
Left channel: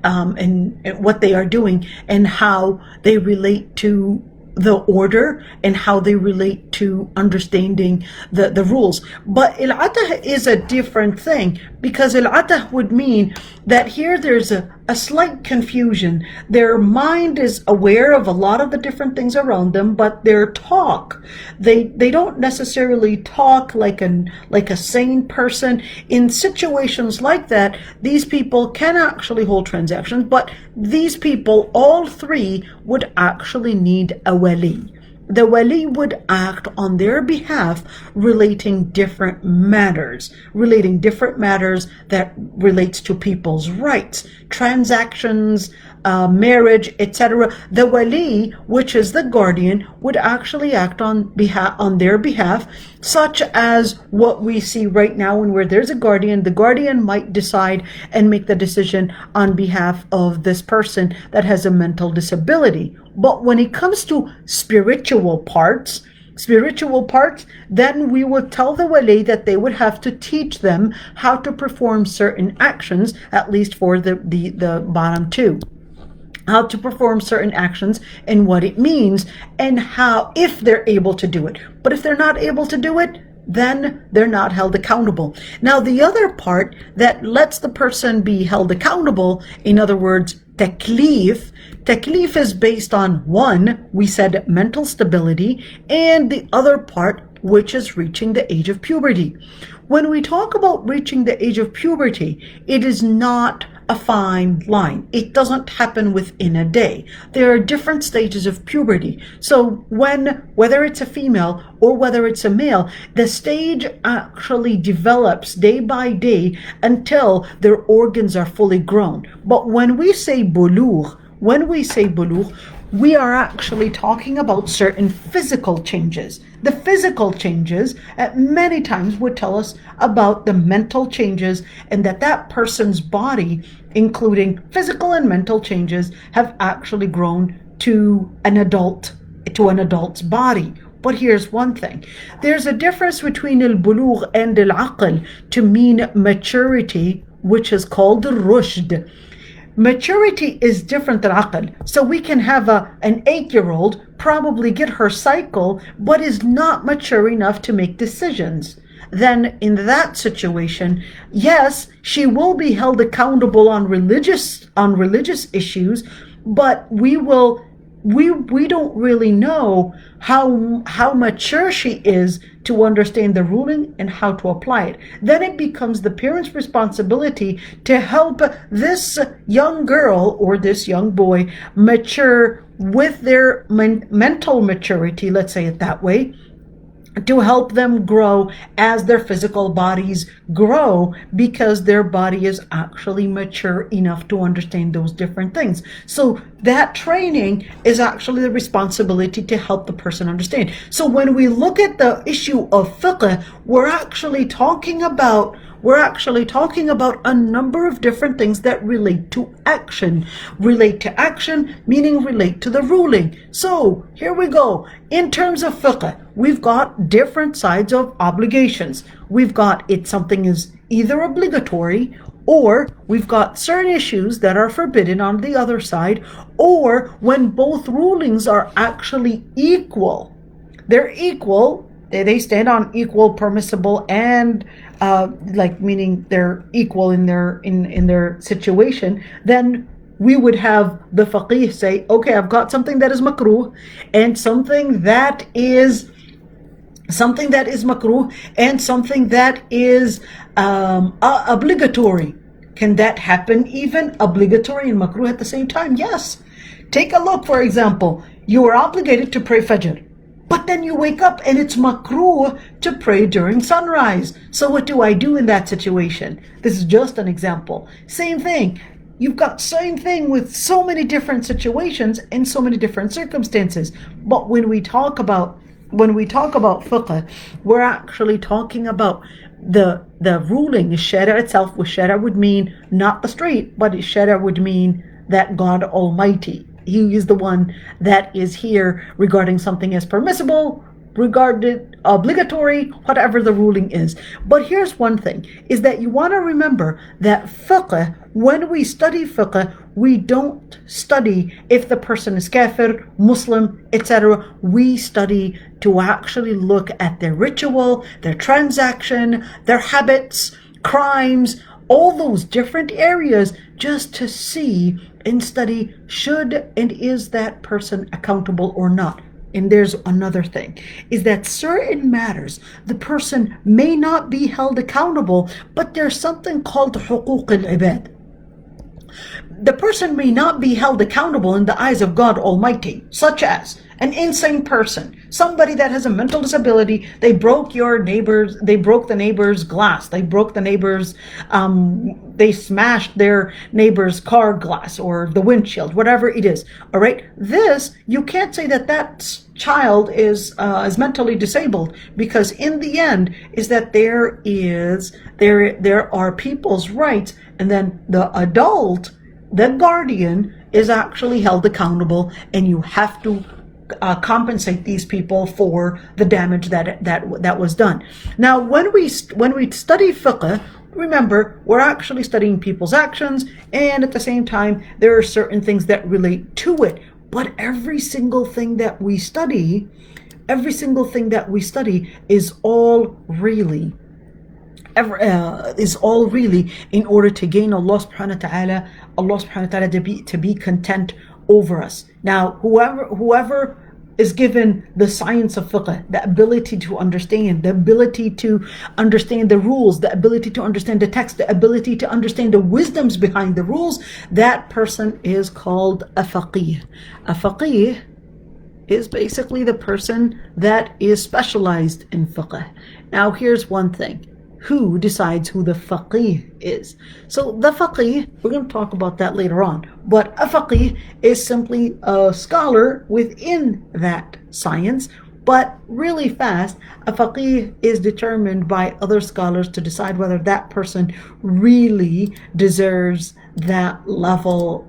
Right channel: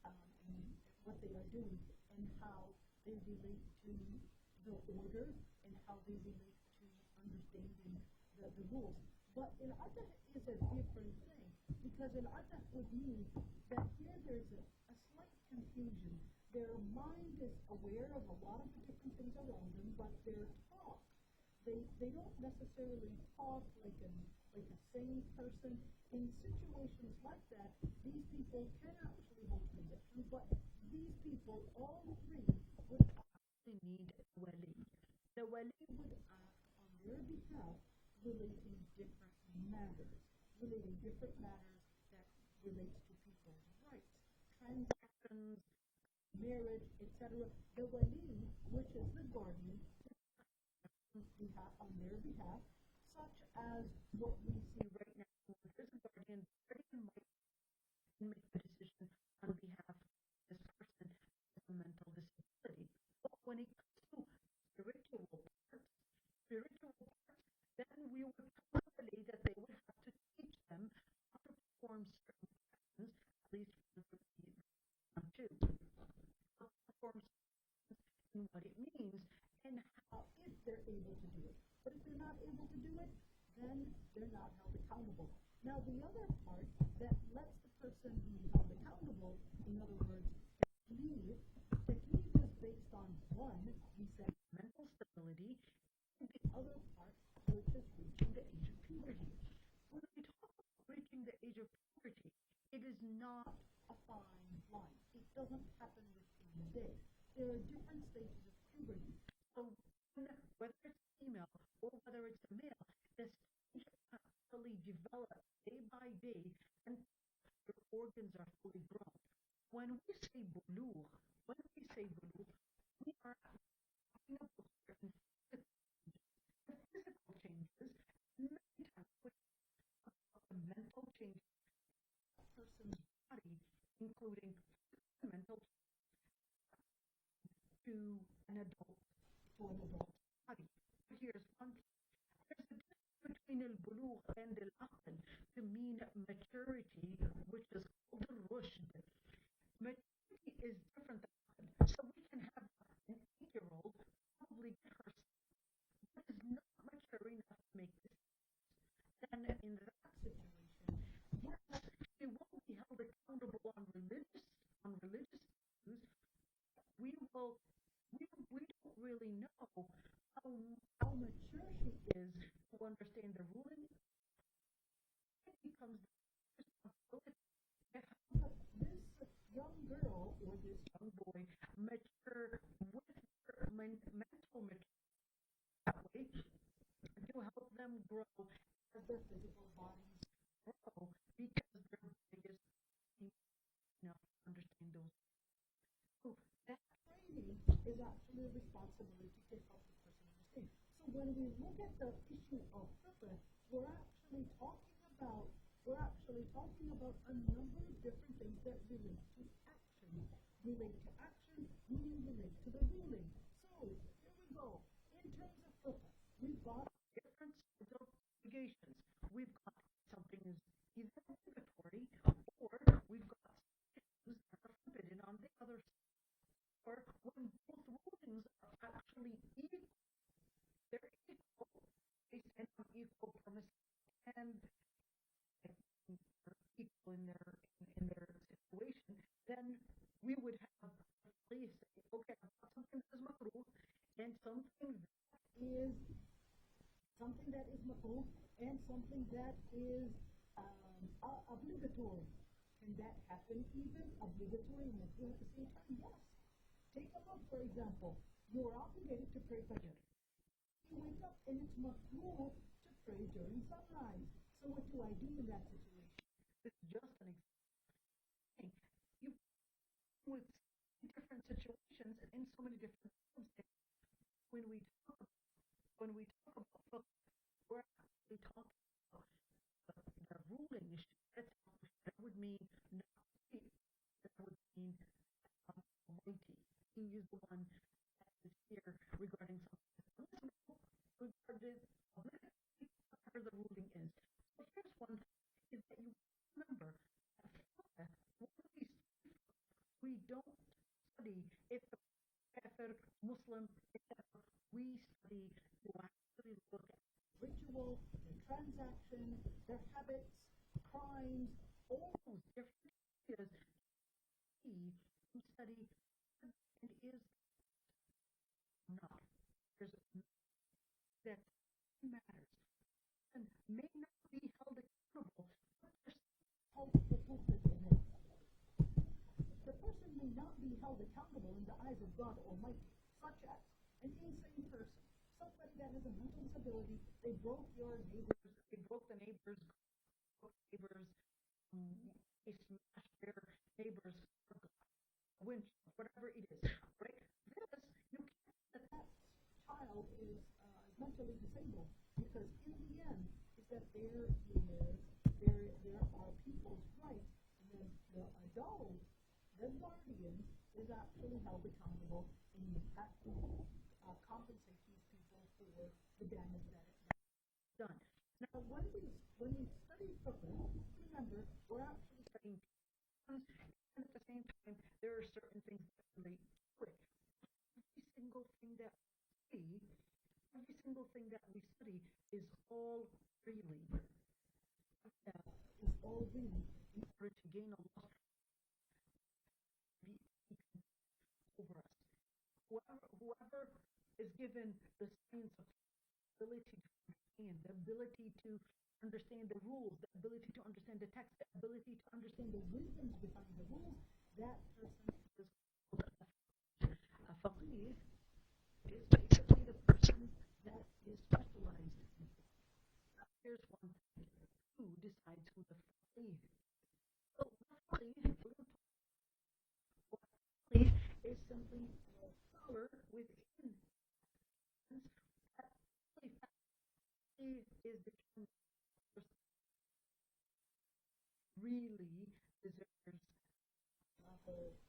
they are doing, and how they relate to the order, and how they relate to understanding the rules. But il-atah is a different thing, because il-atah would mean that here there's a slight confusion. Their mind is aware of a lot of the different things around them, but their talk, they don't necessarily talk like a sane person. In situations like that, these people can actually hold transactions, but these people, all three, would actually need a wali. The wali would act on their behalf, relating different matters that relates to people's rights, transactions, marriage, etc., the wali, which is the guardian, would actually act on their behalf, such as what we see right now. When where there's a guardian, the guardian might decide and make the decision on behalf of this person that has a mental disability. But when it comes to spiritual parts, then we would tell the wali that they would have to teach them how to perform certain actions, at least for the bottom two. How to perform certain actions and what it means, and how, if they're able to do it. But if they're not able to do it, then they're not held accountable. Now, the other part that lets the person be held accountable, in other words, taklif is based on, one, we said mental stability, and the other part, which is reaching the age of puberty. When we talk about reaching the age of puberty, it is not a fine line. It doesn't happen within a day. There are different stages of puberty. So whether it's a female or whether it's a male, the stage actually develops day by day until their organs are fully grown. But when we say bulugh, we are actually talking about certain physical changes. The physical changes many times would tell us about the mental changes, and that person's body, including physical and mental changes, have actually grown to an adult's body. But here's one thing. There's a difference between al-bulugh and al-aql to mean maturity, which is called rushd. Maturity is different than aql. So we can have an 8-year-old probably get her cycle, but is not mature enough to make decisions. Then in that situation, yes, she will be held accountable on religious issues, but we don't really know how mature she is to understand the ruling and how to apply it. Then it becomes the parent's responsibility to help this young girl or this young boy mature with their mental maturity, let's say it that way, to help them grow as their physical bodies grow, because their body is actually mature enough to understand those different things. So that training is actually the responsibility to help the person understand. So when we look at the issue of fiqh, we're actually talking about a number of different things that relate to action. Relate to action, meaning relate to the ruling. So here we go. In terms of fiqh, we've got different sides of obligations. We've got something is either obligatory, or we've got certain issues that are forbidden on the other side, or when both rulings are actually equal. They're equal. They stand on equal, permissible, and meaning they're equal in their situation. Then we would have the faqih say, okay, I've got something that is makruh and something that is makruh and something that is obligatory. Can that happen, even obligatory and makruh at the same time? Yes. Take a look, for example, you are obligated to pray fajr, but then you wake up and it's makruh to pray during sunrise. So what do I do in that situation? This is just an example. Same thing. You've got same thing with so many different situations and so many different circumstances. But when we talk about fiqh, we're actually talking about the ruling, sharia itself. Which sharia would mean not the street, but sharia would mean that God Almighty, He is the one that is here regarding something as permissible, regarded obligatory, whatever the ruling is. But here's one thing, is that you want to remember that fiqh, when we study fiqh, we don't study if the person is kafir, Muslim, etc. We study to actually look at their ritual, their transaction, their habits, crimes, all those different areas, just to see and study should and is that person accountable or not. And there's another thing, is that certain matters, the person may not be held accountable, but there's something called حقوق العباد. The person may not be held accountable in the eyes of God Almighty, such as an insane person, somebody that has a mental disability. They broke the neighbor's glass, they smashed their neighbor's car glass or the windshield, whatever it is. All right, this, you can't say that child is mentally disabled, because in the end is that there are people's rights, and then the adult, the guardian, is actually held accountable, and you have to compensate these people for the damage that was done. Now, when we study fiqh, remember, we're actually studying people's actions, and at the same time, there are certain things that relate to it. But every single thing that we study is all really in order to gain Allah subhanahu wa ta'ala to be content over us. Now, whoever is given the science of fiqh, the ability to understand, the ability to understand the rules, the ability to understand the text, the ability to understand the wisdoms behind the rules, that person is called a faqih. A faqih is basically the person that is specialized in fiqh. Now, here's one thing. Who decides who the faqih is? So the faqih, we're going to talk about that later on, but a faqih is simply a scholar within that science. But really fast, a faqih is determined by other scholars to decide whether that person really deserves that level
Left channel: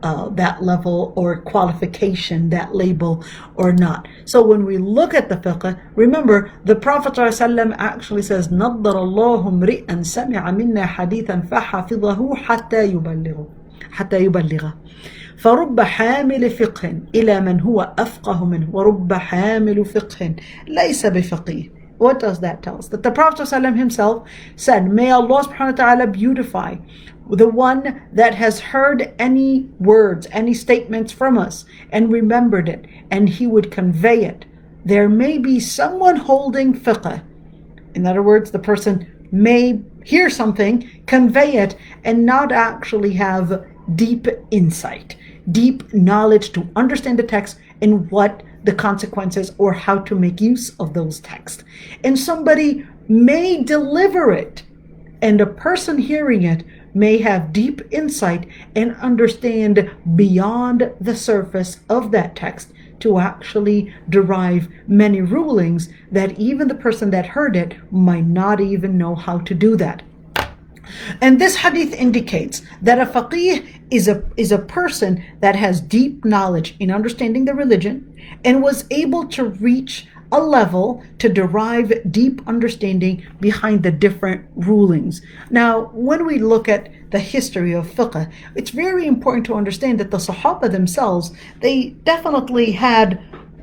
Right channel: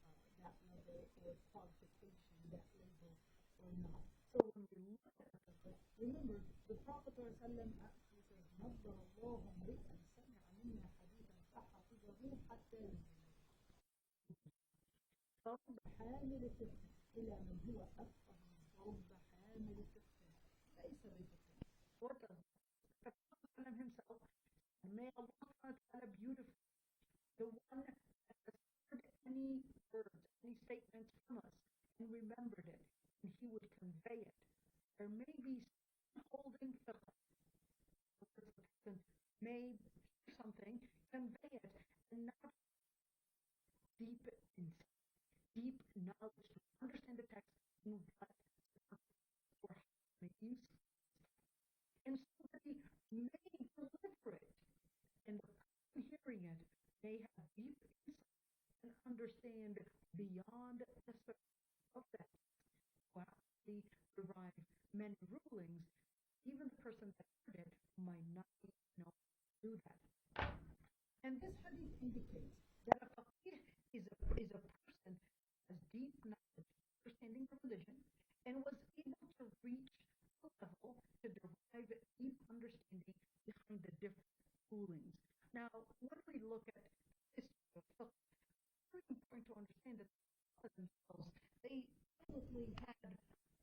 or qualification, that label, or not. So when we look at the fiqh, remember the Prophet ﷺ actually says, نَضَّرَ اللَّهُ امْرِئًا سَمِعَ مِنَّا حَدِيثًا فَحَفِظَهُ حَتَّى يُبَلِّغَ فرب حامل فقه إلى من هو أفقه منه ورب حامل فقه ليس بفقيه. What does that tell us? That the Prophet ﷺ himself said, may Allah subhanahu wa ta'ala beautify the one that has heard any words, any statements from us and remembered it, and he would convey it. There may be someone holding fiqh. In other words, the person may hear something, convey it, and not actually have deep insight, deep knowledge to understand the text and what the consequences or how to make use of those texts. And somebody may deliver it, and a person hearing it may have deep insight and understand beyond the surface of that text to actually derive many rulings that even the person that heard it might not even know how to do that. And this hadith indicates that a faqih is a person that has deep knowledge in understanding the religion and was able to reach a level to derive deep understanding behind the different rulings. Now, when we look at the history of fiqh, it's very important to understand that the Sahaba themselves, they definitely had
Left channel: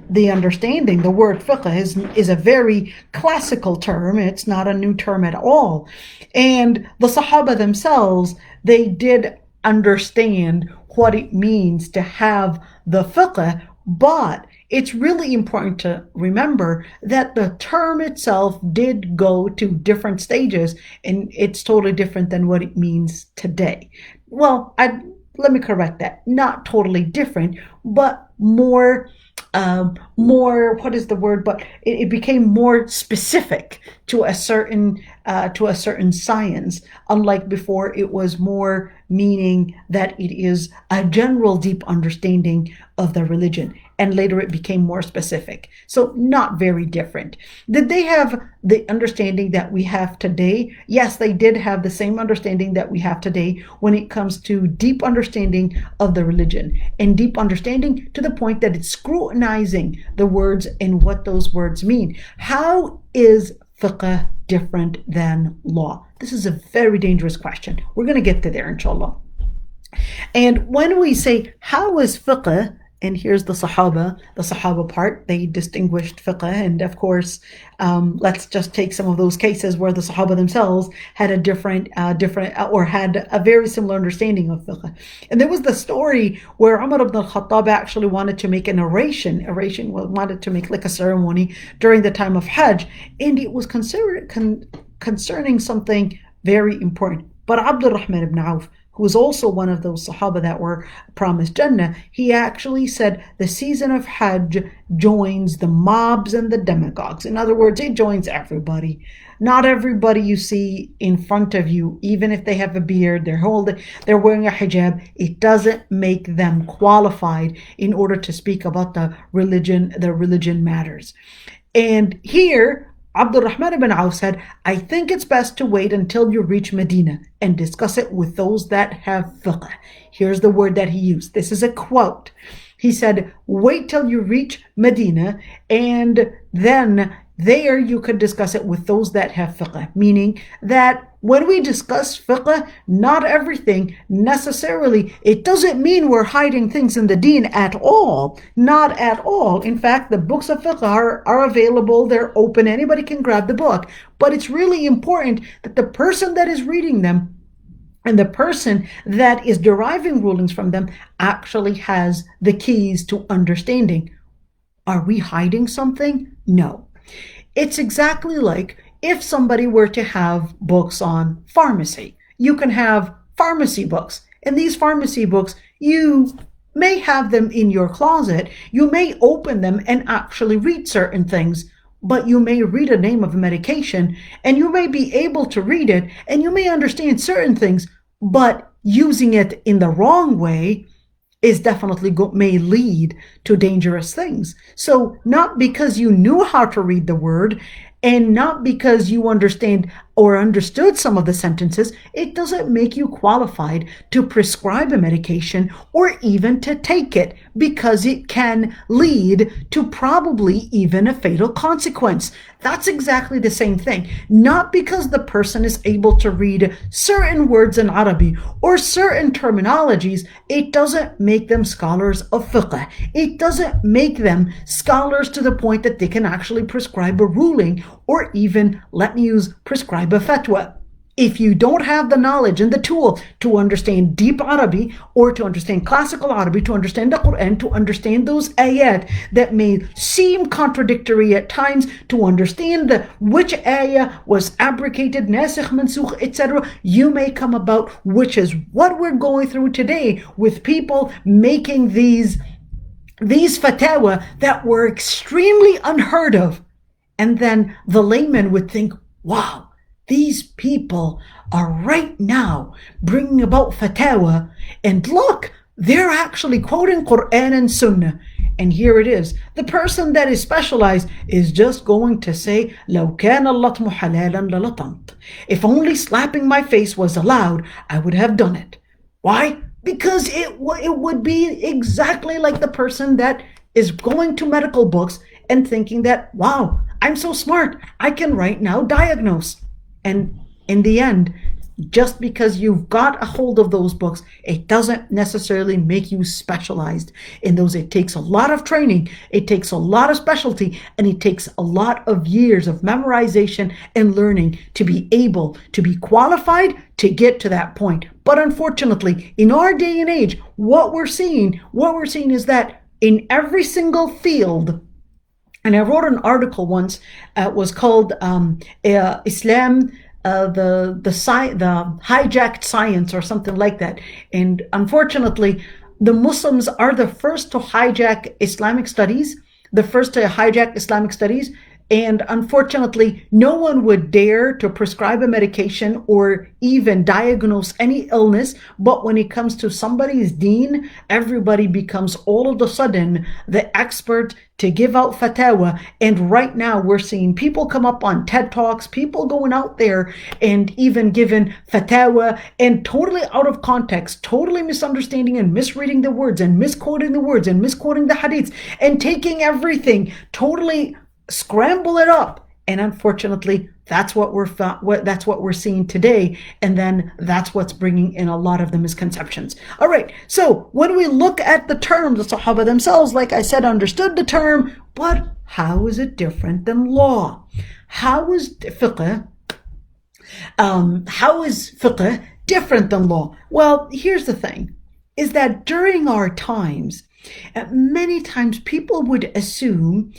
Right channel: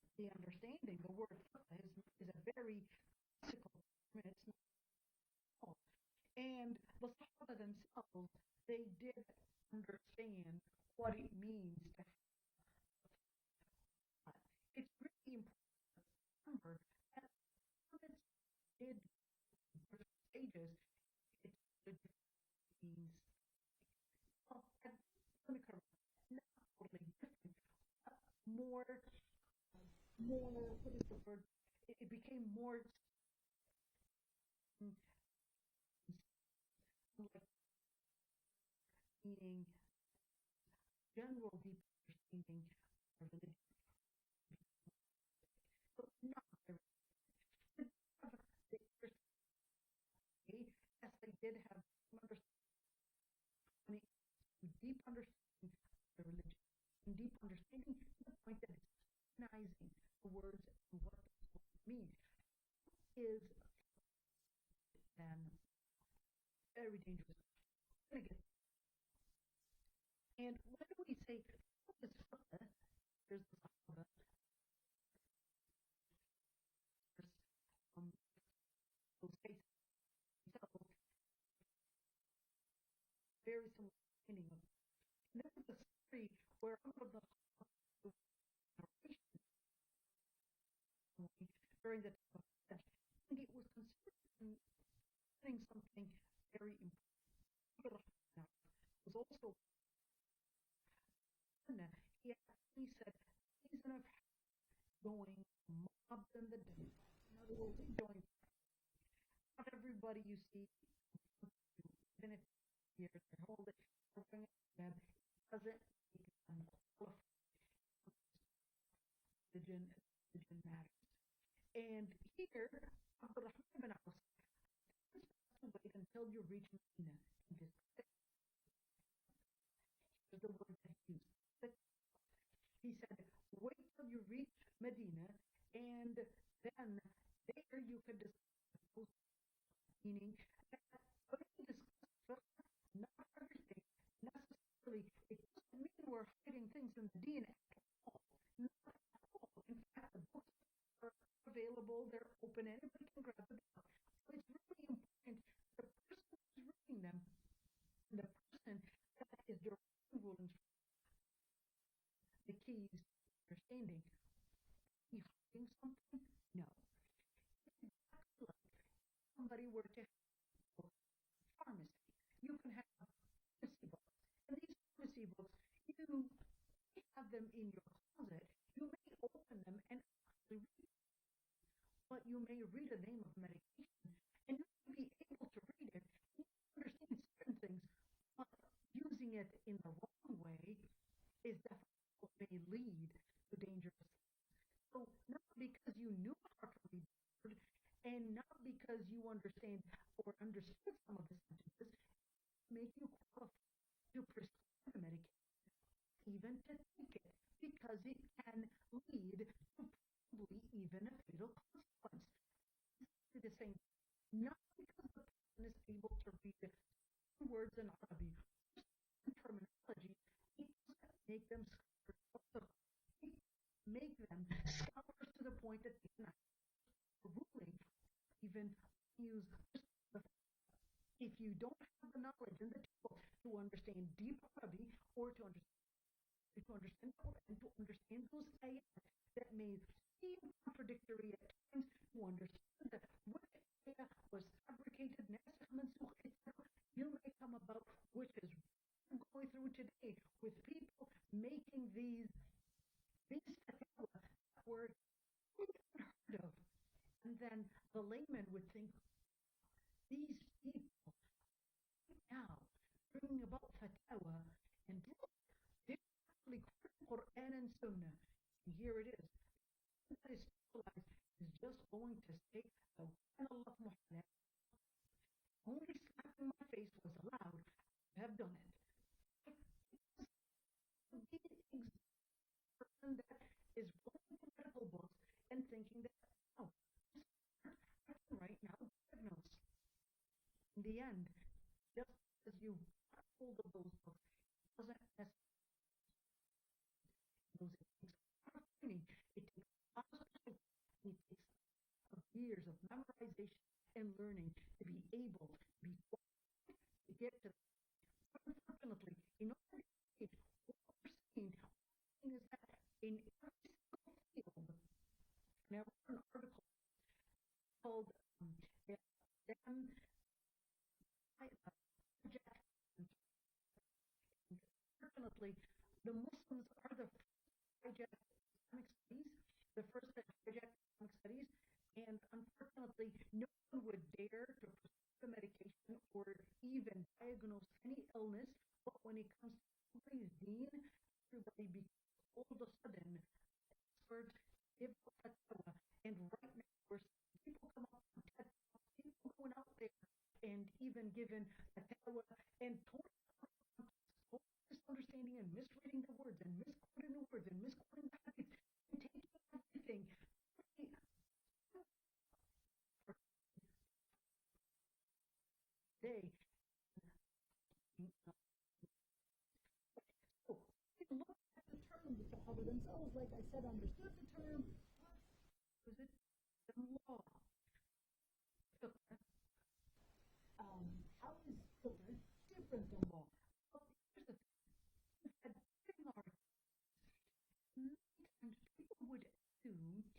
the understanding. The word fiqh is a very classical term. It's not a new term at all. And the Sahaba themselves, they did understand what it means to have the fiqh, but it's really important to remember that the term itself did go to different stages, and it's totally different than what it means today. Well, let me correct that. Not totally different, but more, what is the word? But it became more specific to a certain science. Unlike before, it was more meaning that it is a general deep understanding of the religion. And later it became more specific. So not very different. Did they have the understanding that we have today? Yes, they did have the same understanding that we have today when it comes to deep understanding of the religion, and deep understanding to the point that it's scrutinizing the words and what those words mean. How is fiqh different than law? This is a very dangerous question. We're going to get to there, inshallah. And when we say, how is fiqh, and here's the Sahaba part, they distinguished fiqh. And of course, let's just take some of those cases where the Sahaba themselves had a different or had a very similar understanding of fiqh. And there was the story where Umar ibn al-Khattab actually wanted to make an oration, wanted to make like a ceremony during the time of Hajj, and it was concerning something very important. But Abdul Rahman ibn Auf, who was also one of those Sahaba that were promised Jannah, he actually said the season of Hajj joins the mobs and the demagogues. In other words, it joins everybody. Not everybody you see in front of you, even if they have a beard, they're wearing a hijab, it doesn't make them qualified in order to speak about the religion matters. And here, Abdurrahman ibn Auf said, I think it's best to wait until you reach Medina and discuss it with those that have fiqh. Here's the word that he used. This is a quote. He said, wait till you reach Medina and then there you could discuss it with those that have fiqh, meaning that when we discuss fiqh, not everything necessarily, it doesn't mean we're hiding things in the deen at all. Not at all. In fact, the books of fiqh are available, they're open, anybody can grab the book. But it's really important that the person that is reading them and the person that is deriving rulings from them actually has the keys to understanding. Are we hiding something? No. It's exactly like if somebody were to have books on pharmacy. You can have pharmacy books, and these pharmacy books, you may have them in your closet. You may open them and actually read certain things, but you may read a name of a medication, and you may be able to read it, and you may understand certain things, but using it in the wrong way is definitely may lead to dangerous things. So not because you knew how to read the word and not because you understand or understood some of the sentences, it doesn't make you qualified to prescribe a medication or even to take it, because it can lead to probably even a fatal consequence. That's exactly the same thing. Not because the person is able to read certain words in Arabic or certain terminologies, it doesn't make them scholars of fiqh. It doesn't make them scholars to the point that they can actually prescribe a ruling or even, let me use, prescribe a fatwa. If you don't have the knowledge and the tool to understand deep Arabic or to understand classical Arabic, to understand the Quran, to understand those ayat that may seem contradictory at times, to understand which ayah was abrogated, nasikh, mansukh, etc., you may come about, which is what we're going through today with people making these fatwa that were extremely unheard of. And then the layman would think, wow, these people are right now bringing about fatwa, and look, they're actually quoting Quran and Sunnah. And here it is. The person that is specialized is just going to say, لو كان اللطم حلالا للطمت. If only slapping my face was allowed, I would have done it. Why? Because it would be exactly like the person that is going to medical books and thinking that, wow, I'm so smart, I can right now diagnose. And in the end, just because you've got a hold of those books, it doesn't necessarily make you specialized in those. It takes a lot of training, it takes a lot of specialty, and it takes a lot of years of memorization and learning to be able to be qualified to get to that point. But unfortunately, in our day and age, what we're seeing is that in every single field, and I wrote an article once, it was called Islam, the hijacked science or something like that. And unfortunately, the Muslims are the first to hijack Islamic studies, and unfortunately, no one would dare to prescribe a medication or even diagnose any illness. But when it comes to somebody's deen, everybody becomes all of a sudden the expert to give out fatwa. And right now we're seeing people come up on TED Talks, people going out there and even giving fatwa and totally out of context, totally misunderstanding and misreading the words and misquoting the words and misquoting the hadiths and taking everything, totally scramble it up. And unfortunately, that's what we're seeing today, and then that's what's bringing in a lot of the misconceptions. All right, so when we look at the term, the Sahaba themselves, like I said, understood the term, but how is it different than law? How is fiqh different than law? Well, here's the thing, is that during our times, many times people would assume,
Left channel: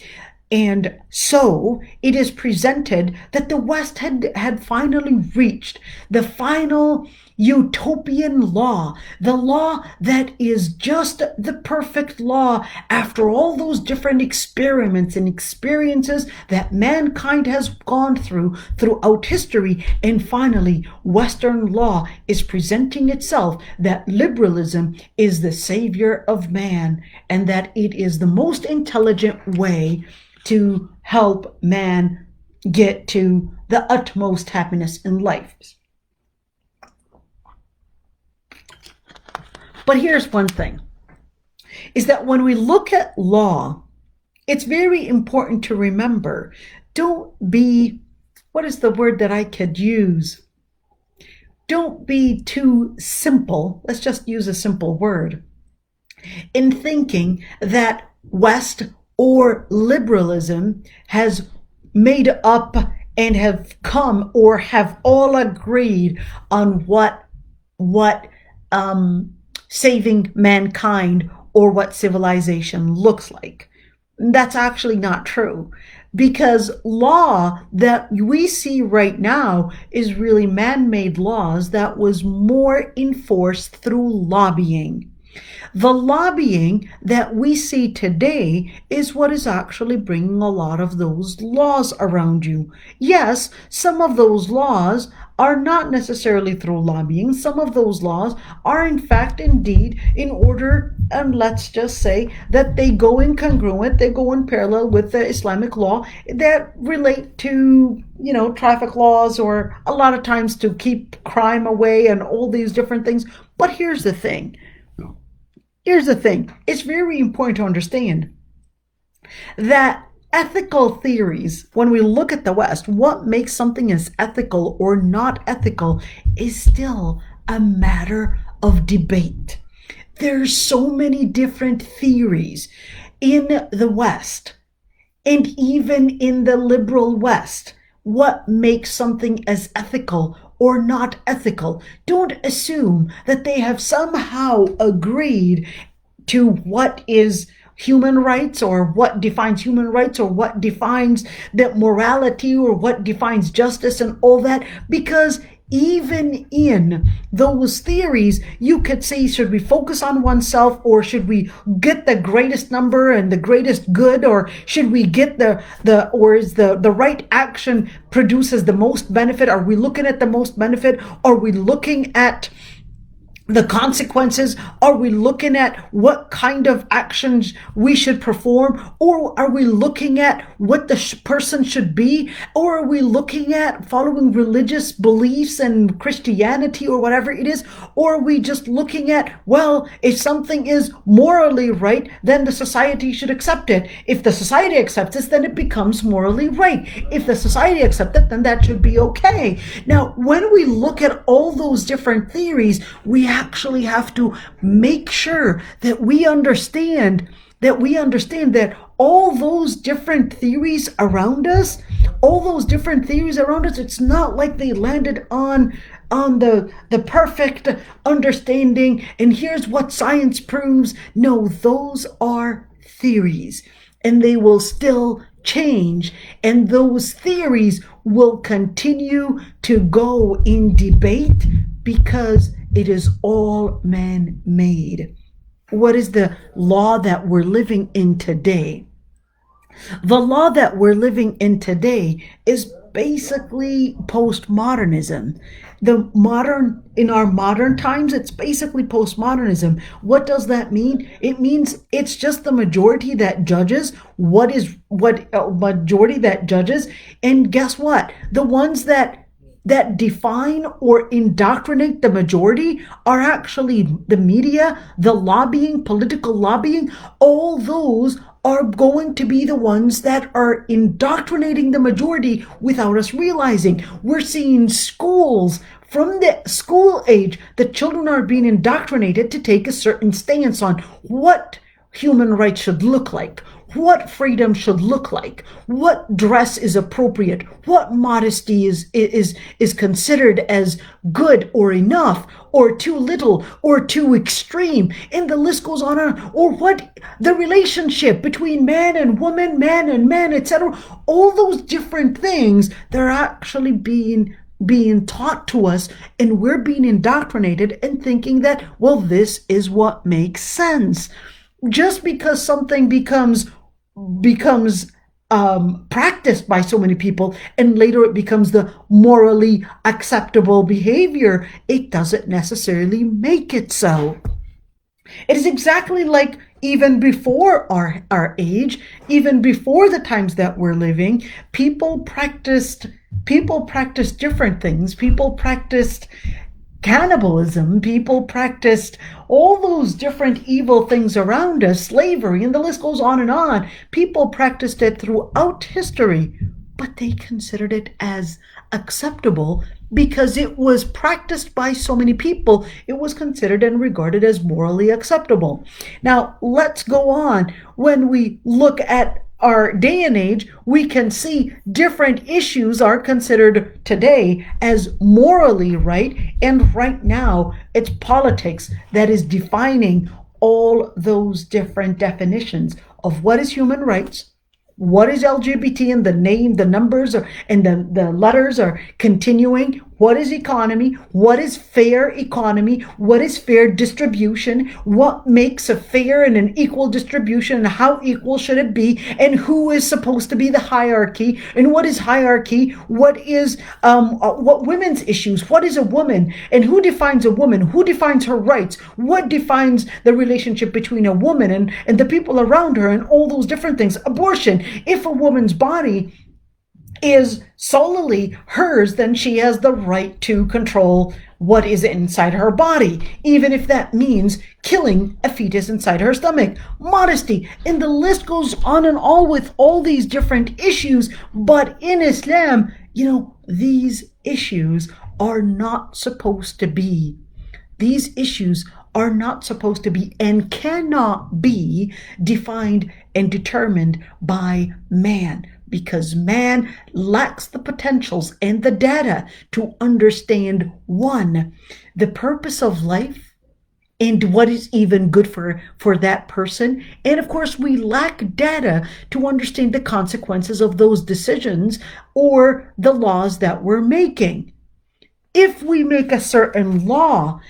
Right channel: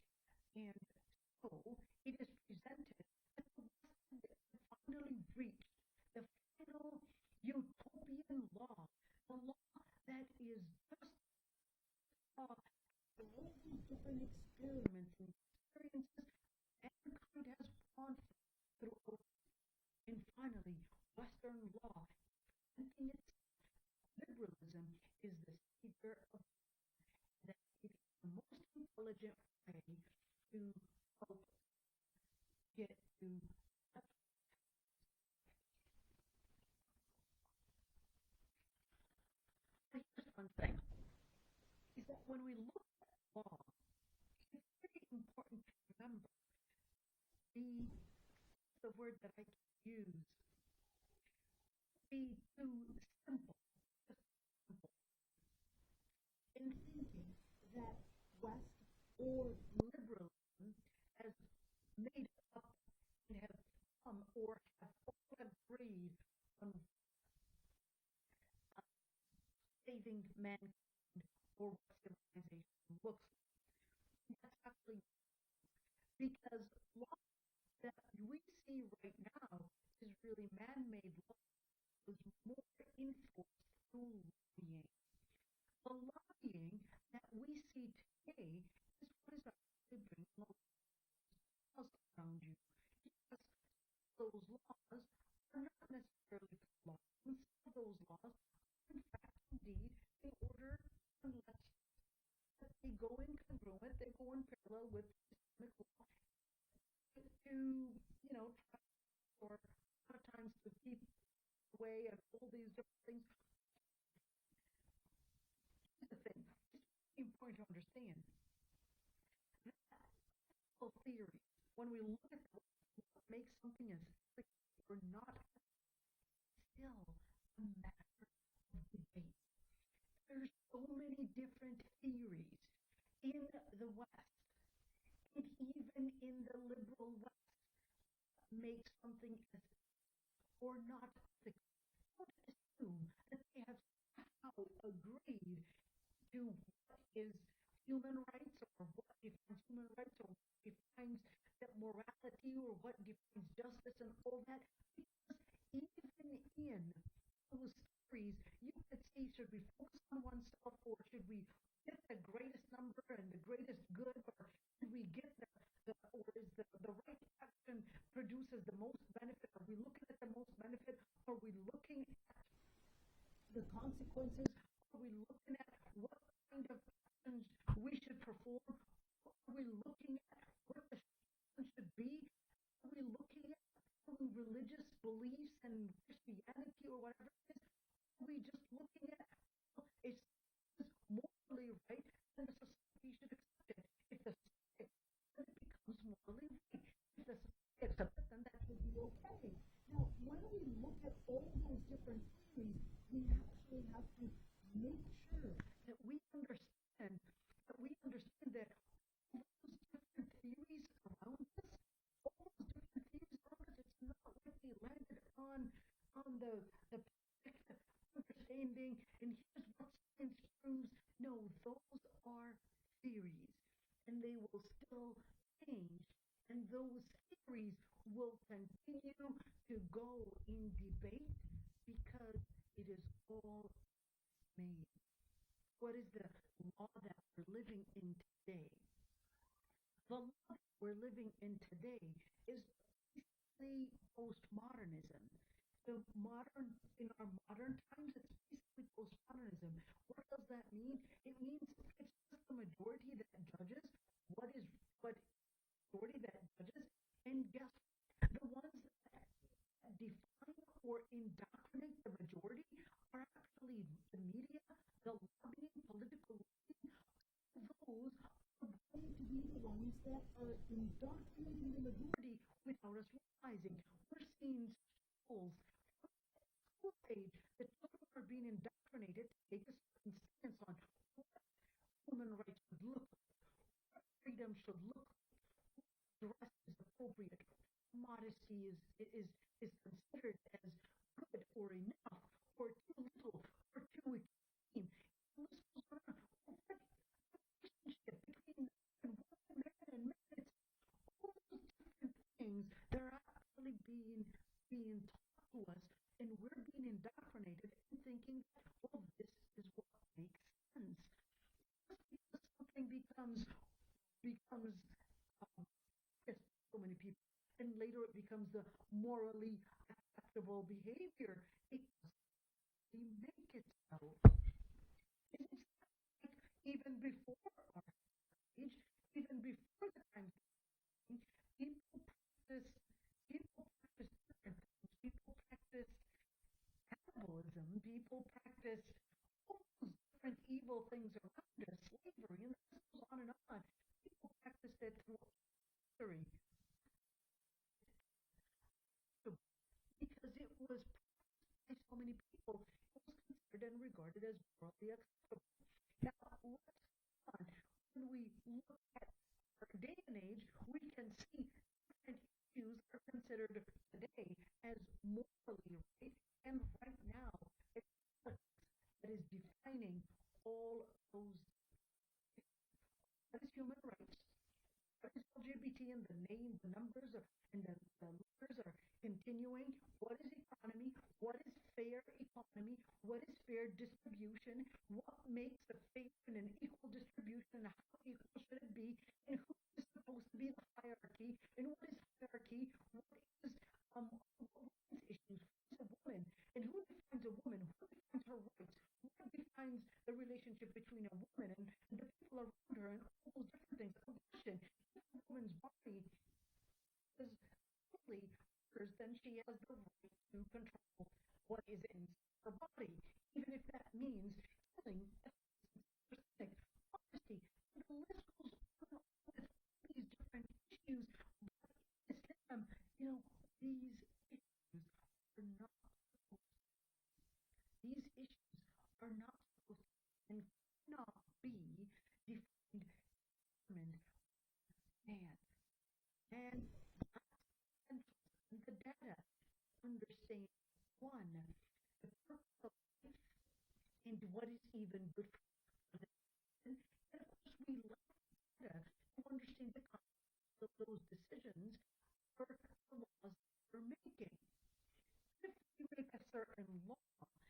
and so it is presented, that the West had finally reached the final utopian law, the law that is just the perfect law after all those different experiments and experiences that mankind has gone through throughout history. And finally, Western law is presenting itself that liberalism is the savior of man and that it is the most intelligent way to help man get to the utmost happiness in life. But here's one thing, is that when we look at law, it's very important to remember, don't be, what is the word that I could use? Don't be too simple, let's just use a simple word, in thinking that West or liberalism has made up and have come or have all agreed on what saving mankind or what civilization looks like. That's actually not true, because law that we see right now is really man-made laws that was more enforced through lobbying. The lobbying that we see today is what is actually bringing a lot of those laws around you. Yes, some of those laws are not necessarily through lobbying. Some of those laws are in fact indeed in order, and let's just say that they go in congruent, they go in parallel with the Islamic law that relate to, traffic laws, or a lot of times to keep crime away and all these different things. But here's the thing. It's very important to understand that ethical theories, when we look at the West, what makes something as ethical or not ethical is still a matter of debate. There's so many different theories in the West and even in the liberal West. What makes something as ethical or not ethical? Don't assume that they have somehow agreed to what is human rights, or what defines human rights, or what defines that morality, or what defines justice and all that, because even in those theories, you could say, should we focus on oneself, or should we get the greatest number and the greatest good, or should we get or is the right action produces the most benefit? Are we looking at the most benefit? Are we looking at the consequences? Are we looking at what kind of actions we should perform? Or are we looking at what the person should be? Or are we looking at following religious beliefs and Christianity or whatever it is? Or are we just looking at, well, if something is morally right, then the society should accept it. If the society accepts it, then it becomes morally right. If the society accepts it, then that should be okay. Now, when we look at all those different theories, we actually have to make sure that we understand that all those different theories around us, it's not like they landed on the perfect understanding and here's what science proves. No, those are theories, and they will still change, and those theories will continue to go in debate because it is all man-made. What is the law that we're living in today? The law that we're living in today is basically postmodernism. In our modern times, it's basically postmodernism. What does that mean? It means it's just the majority that judges majority that judges. And guess what? The ones that define or indoctrinate the majority are actually the media, the lobbying, political lobbying. All those are going to be the ones that are indoctrinating the majority without us realizing. We're seeing schools, from the school age, the children are being indoctrinated to take a certain stance on what human rights should look like, what freedom should look like, what dress is appropriate, what modesty is considered as good or enough, or too little, or too extreme, and the list goes on, or what the relationship between man and woman, man and man, etc. All those different things, they're actually being being taught to us, and we're being indoctrinated and thinking that, well, this is what makes sense. Just because something becomes practiced by so many people and later it becomes the morally acceptable behavior, it doesn't necessarily make it so. It is exactly like even before our age, even before the times that we're living, people practiced different things. People practiced cannibalism, people practiced all those different evil things around us, slavery, and the list goes on and on. People practiced it throughout history, but they considered it as acceptable because it was practiced by so many people. It was considered and regarded as morally acceptable. Now, let's go on. When we look at our day and age, we can see different issues are considered today as morally right, and right now it's politics that is defining all those different definitions of what is human rights, what is LGBT, and the name, the numbers are, and the letters are continuing. What is economy? What is fair economy? What is fair distribution? What makes a fair and an equal distribution? And how equal should it be? And who is supposed to be the hierarchy? And what is hierarchy? What is what women's issues? What is a woman? And who defines a woman? Who defines her rights? What defines the relationship between a woman and the people around her, and all those different things? Abortion. If a woman's body is solely hers, then she has the right to control what is inside her body, even if that means killing a fetus inside her stomach. Modesty, and the list goes on and on with all these different issues. But in Islam, these issues are not supposed to be. These issues are not supposed to be and cannot be defined and determined by man, because man lacks the potentials and the data to understand, one, the purpose of life and what is even good for that person. And of course, we lack data to understand the consequences of those decisions or the laws that we're making. If we make a certain law,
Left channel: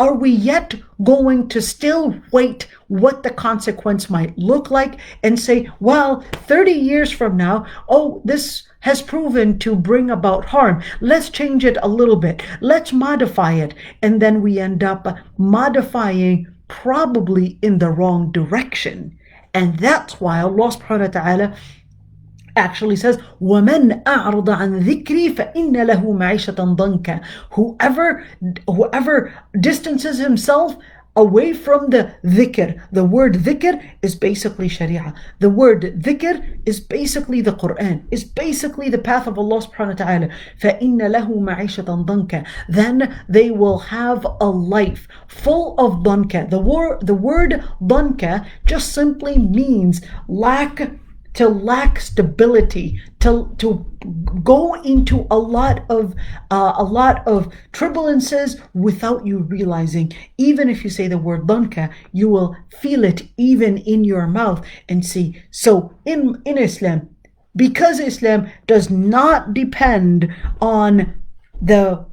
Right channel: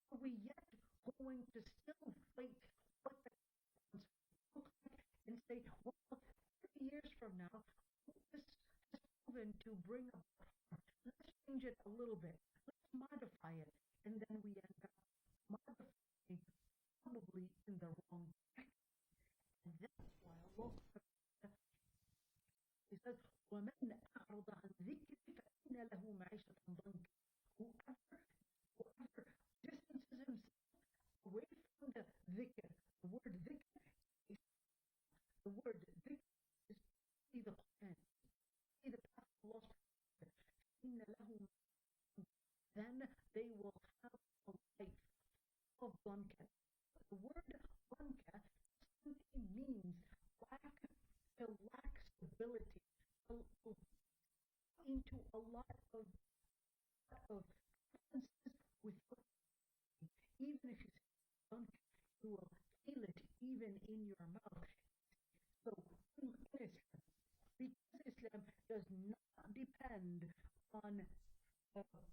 are we yet going to still wait what the consequence might look like and say, well, 30 years from now, oh, this has proven to bring about harm. Let's change it a little bit. Let's modify it. And then we end up modifying probably in the wrong direction. And that's why Allah subhanahu wa ta'ala actually says, وَمَنْ أَعْرَضَ عَنْ ذِكْرِي فَإِنَّ لَهُ مَعِيشَةً ضَنْكًا. Whoever distances himself away from the dhikr. The word dhikr is basically sharia. The word dhikr is basically the Quran, is basically the path of Allah subhanahu wa ta'ala. فَإِنَّ لَهُ مَعِيشَةً ضَنْكًا. Then they will have a life full of dhanka. The word dhanka just simply means to lack stability, to go into a lot of turbulences without you realizing. Even if you say the word dhanka, you will feel it even in your mouth and see. So in Islam, because Islam does not depend on the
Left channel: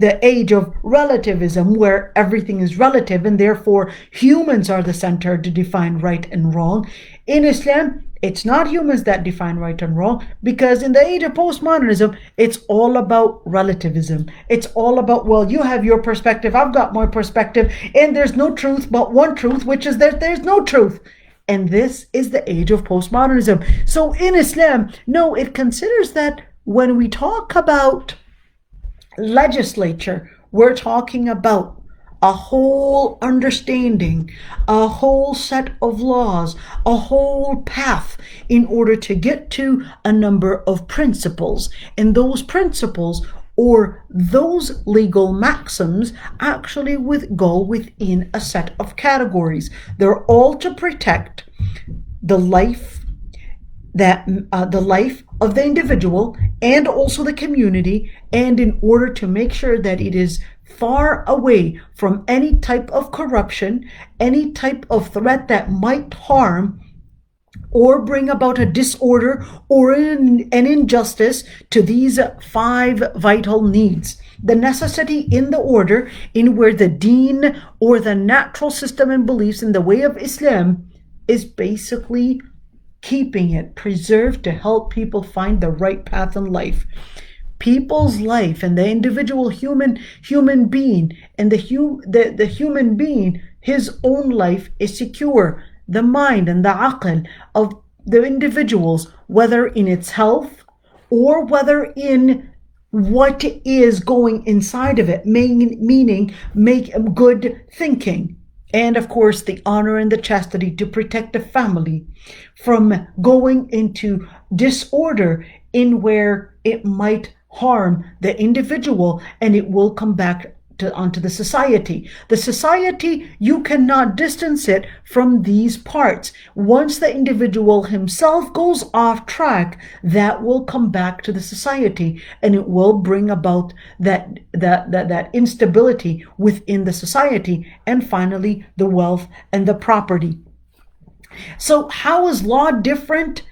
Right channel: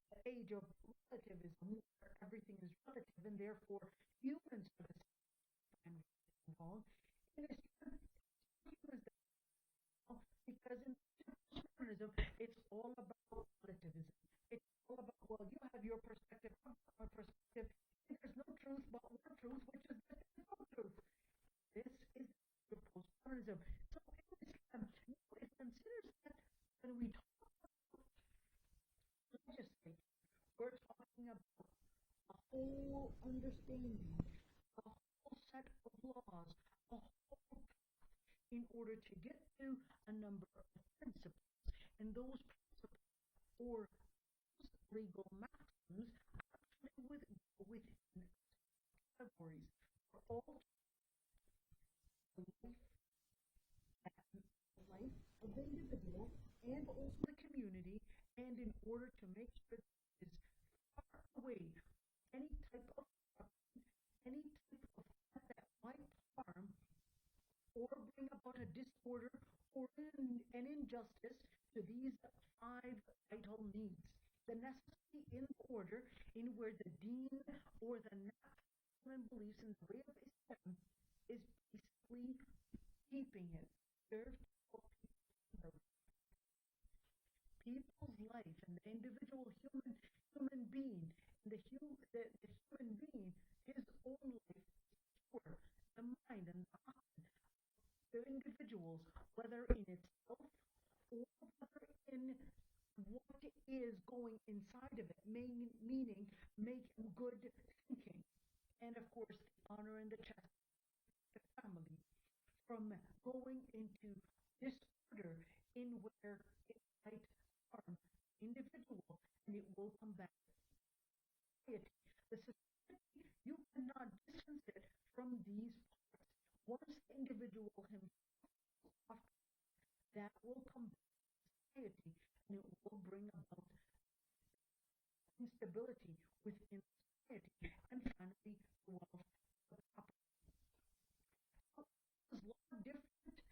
age of relativism, where everything is relative and therefore humans are the center to define right and wrong. In Islam, it's not humans that define right and wrong, because in the age of postmodernism, it's all about relativism. It's all about, well, you have your perspective, I've got my perspective, and there's no truth but one truth, which is that there's no truth. And this is the age of postmodernism. So in Islam, no, it considers that when we talk about legislature, we're talking about a whole understanding, a whole set of laws, a whole path in order to get to a number of principles. And those principles or those legal maxims actually go within a set of categories. They're all to protect the life of the individual and also the community, and in order to make sure that it is far away from any type of corruption, any type of threat that might harm or bring about a disorder or an injustice to these five vital needs. The necessity in the order in where the deen or the natural system and beliefs in the way of Islam is basically keeping it preserved to help people find the right path in life. People's life and the individual human being and the human being, his own life is secure. The mind and the aql of the individuals, whether in its health or whether in what is going inside of it, meaning make good thinking, and of course the honor and the chastity to protect the family from going into disorder in where it might harm the individual, and it will come back onto the society. The society, you cannot distance it from these parts. Once the individual himself goes off track, that will come back to the society, and it will bring about that instability within the society, and finally the wealth and the property. So how is law different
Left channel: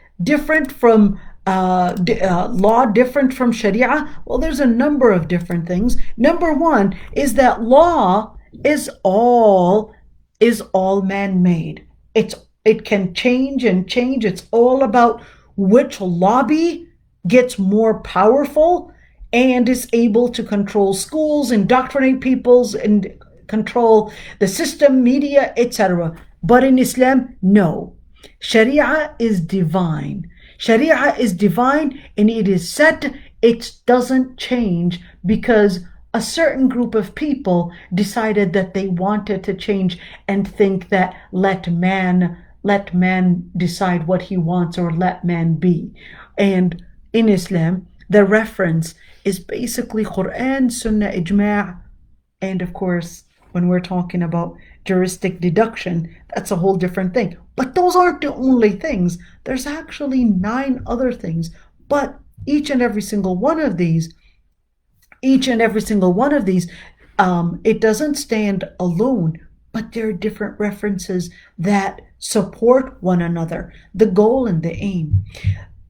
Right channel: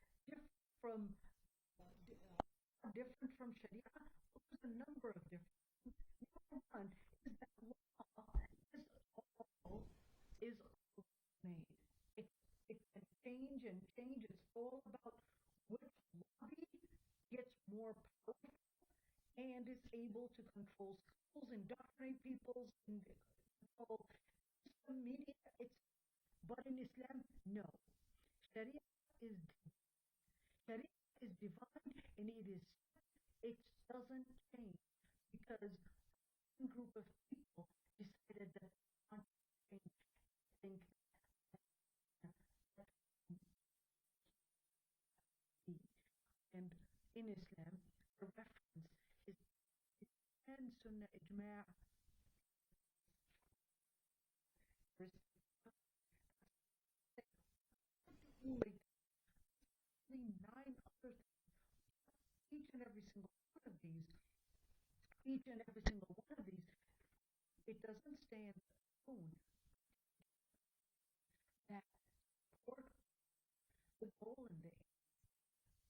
from law different from Sharia? Well, there's a number of different things. Number one is that law is all man-made. It can change and change. It's all about which lobby gets more powerful and is able to control schools, indoctrinate peoples, and control the system, media, etc. But in Islam, no. Sharia is divine. Sharia is divine, and it is set. It doesn't change because a certain group of people decided that they wanted to change and think that let man decide what he wants, or let man be. And in Islam, the reference is basically Quran, Sunnah, Ijma', and of course, when we're talking about juristic deduction, that's a whole different thing. But those aren't the only things. There's actually 9 other things. But each and every single one of these, it doesn't stand alone, but there are different references that support one another. The goal and the aim.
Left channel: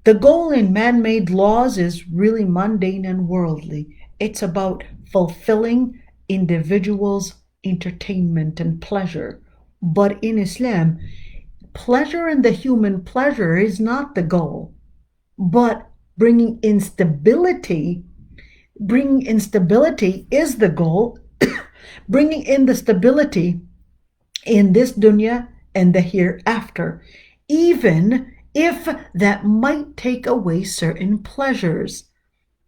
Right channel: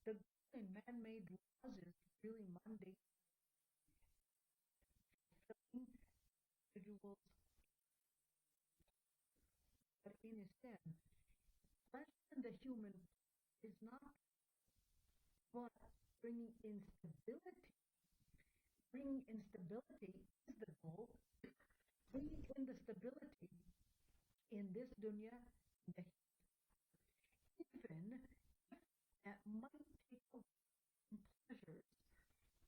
The goal in man-made laws is really mundane and worldly. It's about fulfilling individuals' entertainment and pleasure. But in Islam, pleasure in the human pleasure is not the goal, but bringing instability is the goal. Bringing in the stability in this dunya and the hereafter, even if that might take away certain pleasures,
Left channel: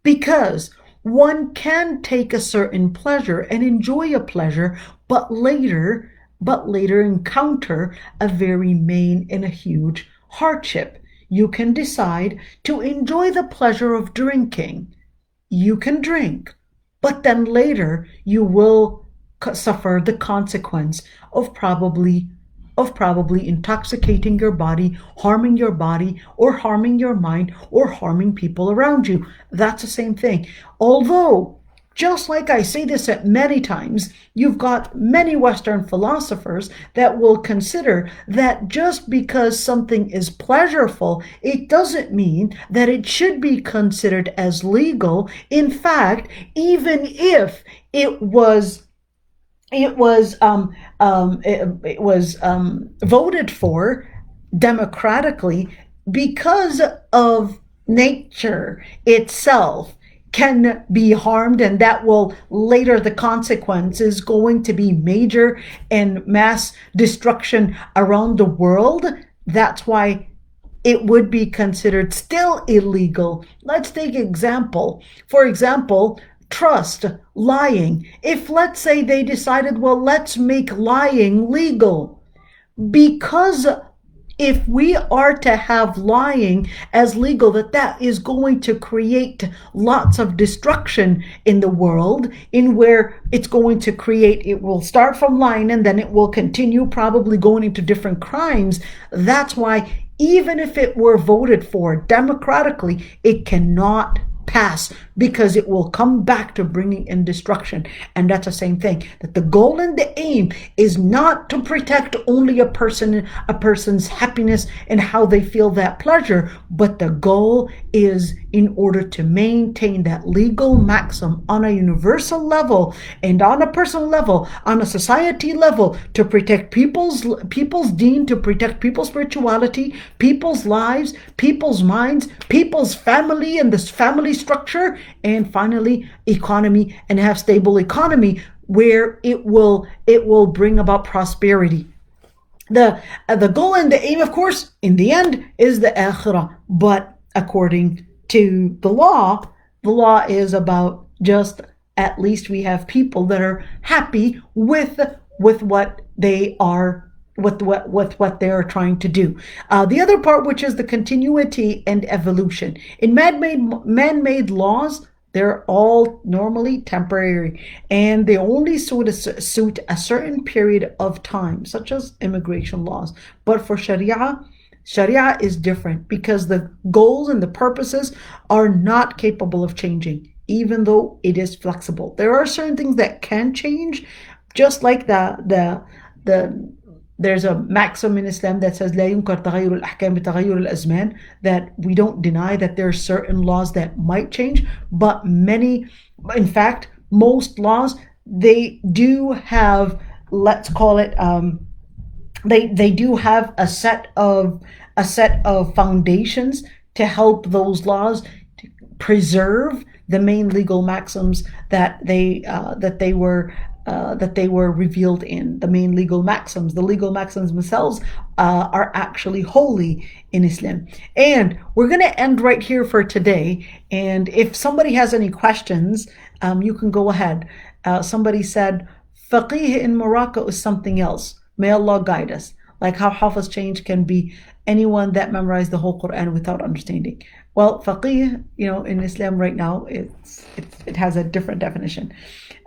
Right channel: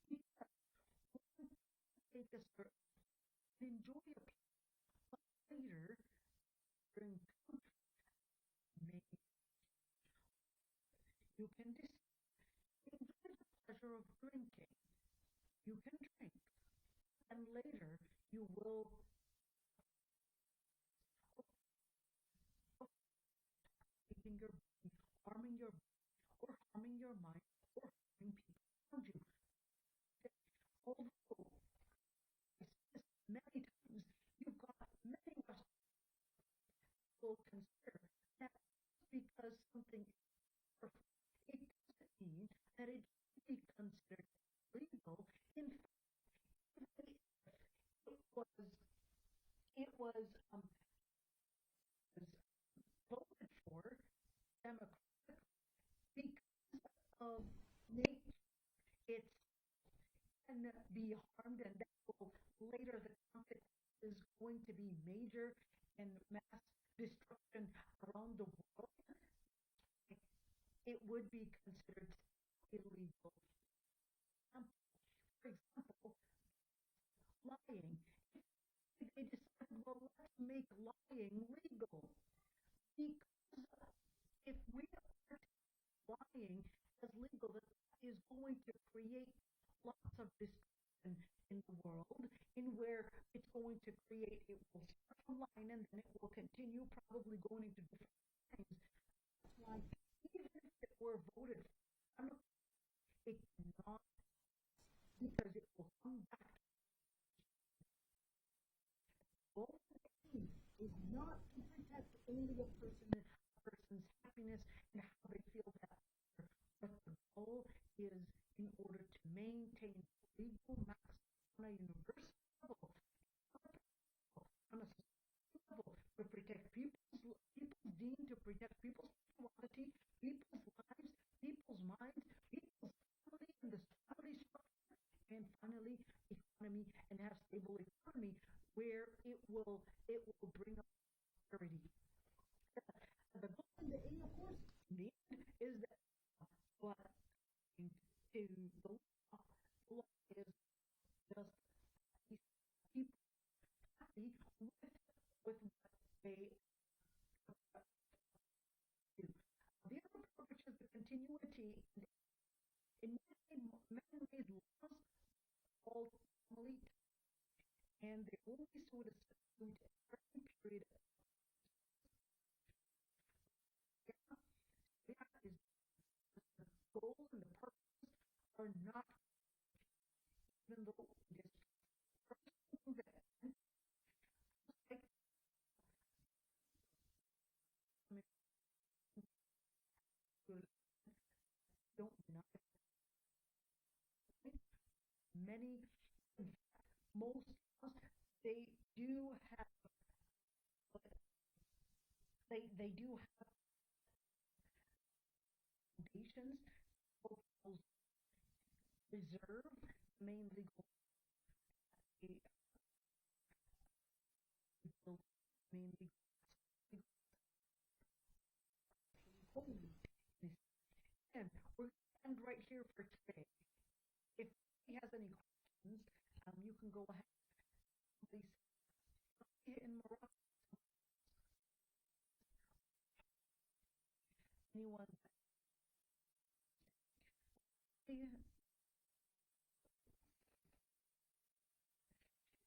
because one can take a certain pleasure and enjoy a pleasure, but later encounter a very main and a huge hardship. You can decide to enjoy the pleasure of drinking. You can drink, but then later you will suffer the consequence of probably intoxicating your body, harming your body, or harming your mind, or harming people around you. That's the same thing. Although, just like I say this at many times, you've got many Western philosophers that will consider that just because something is pleasurable, it doesn't mean that it should be considered as legal. In fact, even if it was voted for democratically, because of nature itself can be harmed, and that will later, the consequence is going to be major and mass destruction around the world. That's why it would be considered still illegal. Let's take example. For example, trust, lying. If, let's say, they decided, well, let's make lying legal, because if we are to have lying as legal, that is going to create lots of destruction in the world, in where it will start from lying and then it will continue probably going into different crimes. That's why even if it were voted for democratically, it cannot pass, because it will come back to bringing in destruction. And that's the same thing, that the goal and the aim is not to protect only a person's happiness and how they feel that pleasure, but the goal is in order to maintain that legal maxim on a universal level and on a personal level, on a society level, to protect people's deen, to protect people's spirituality, people's lives, people's minds, people's family and this family structure, and finally economy, and have stable economy where it will bring about prosperity. The goal and the aim, of course, in the end, is the akhirah. But according to the law is about just at least we have people that are happy with what they are with what they are trying to do. The other part, which is the continuity and evolution in man-made laws, they're all normally temporary, and they only suit a certain period of time, such as immigration laws. But for Sharia is different because the goals and the purposes are not capable of changing, even though it is flexible. There are certain things that can change, just like the there's a maxim in Islam that says لا ينكر تغير الأحكام بتغير الأزمان, that we don't deny that there are certain laws that might change, but in fact, most laws, they do have, let's call it, they do have a set of foundations to help those laws to preserve the main legal maxims that they were revealed in. The main legal maxims, the legal maxims themselves, are actually holy in Islam. And we're going to end right here for today. And if somebody has any questions, you can go ahead. Somebody said, faqih in Morocco is something else. May Allah guide us. Like how Hafiz change can be anyone that memorized the whole Quran without understanding. Well, faqih, in Islam right now, it has a different definition.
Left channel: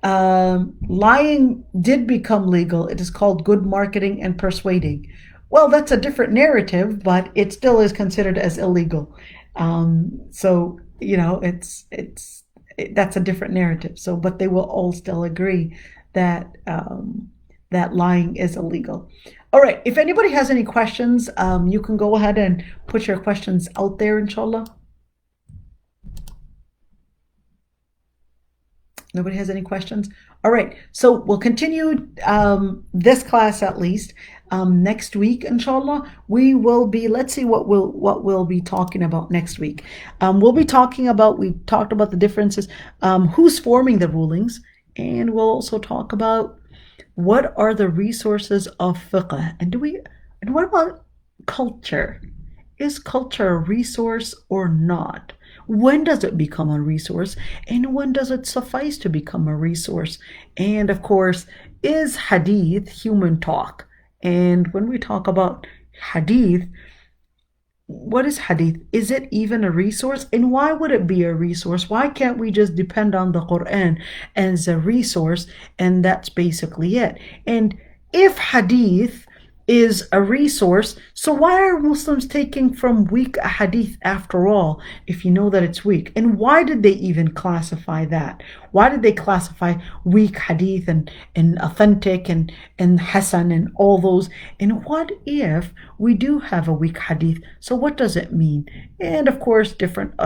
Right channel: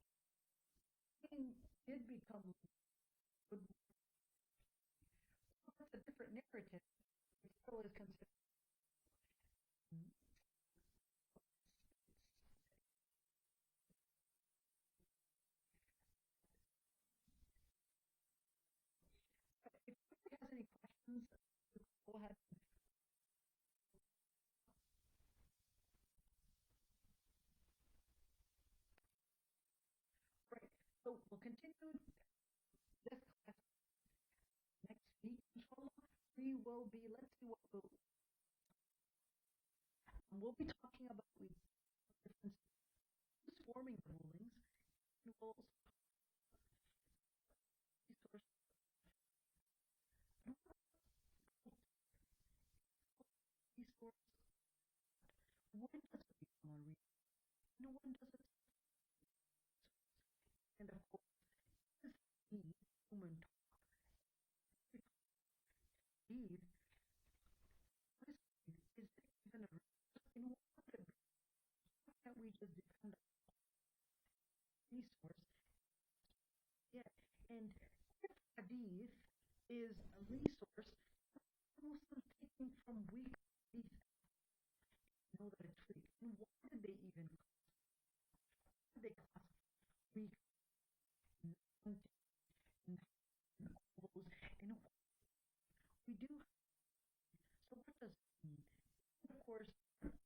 Lying did become legal. It is called good marketing and persuading. Well, that's a different narrative, but it still is considered as illegal. So that's a different narrative. So, but they will all still agree that that lying is illegal. All right. If anybody has any questions, you can go ahead and put your questions out there, inshallah. Nobody has any questions? All right. So we'll continue this class at least. Next week, inshallah, we will be, let's see what we'll be talking about next week. We talked about the differences, who's forming the rulings, and we'll also talk about what are the resources of fiqh, and what about culture? Is culture a resource or not? When does it become a resource, and when does it suffice to become a resource? And of course, is hadith human talk? And when we talk about hadith, what is hadith? Is it even a resource? And why would it be a resource? Why can't we just depend on the Quran as a resource, and that's basically it? And if hadith is a resource, so why are Muslims taking from weak a hadith after all, if you know that it's weak? And why did they even classify that? Why did they classify weak hadith and authentic and hasan and all those? And what if we do have a weak hadith? So what does it mean? And of course, different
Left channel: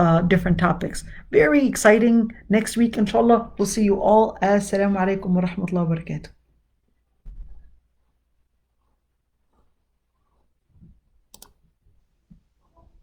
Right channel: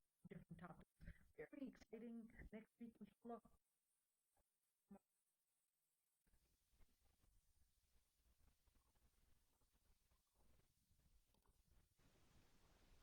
topics. Very exciting next week, inshallah. We'll see you all. Assalamu alaikum wa rahmatullahi wa barakatuh.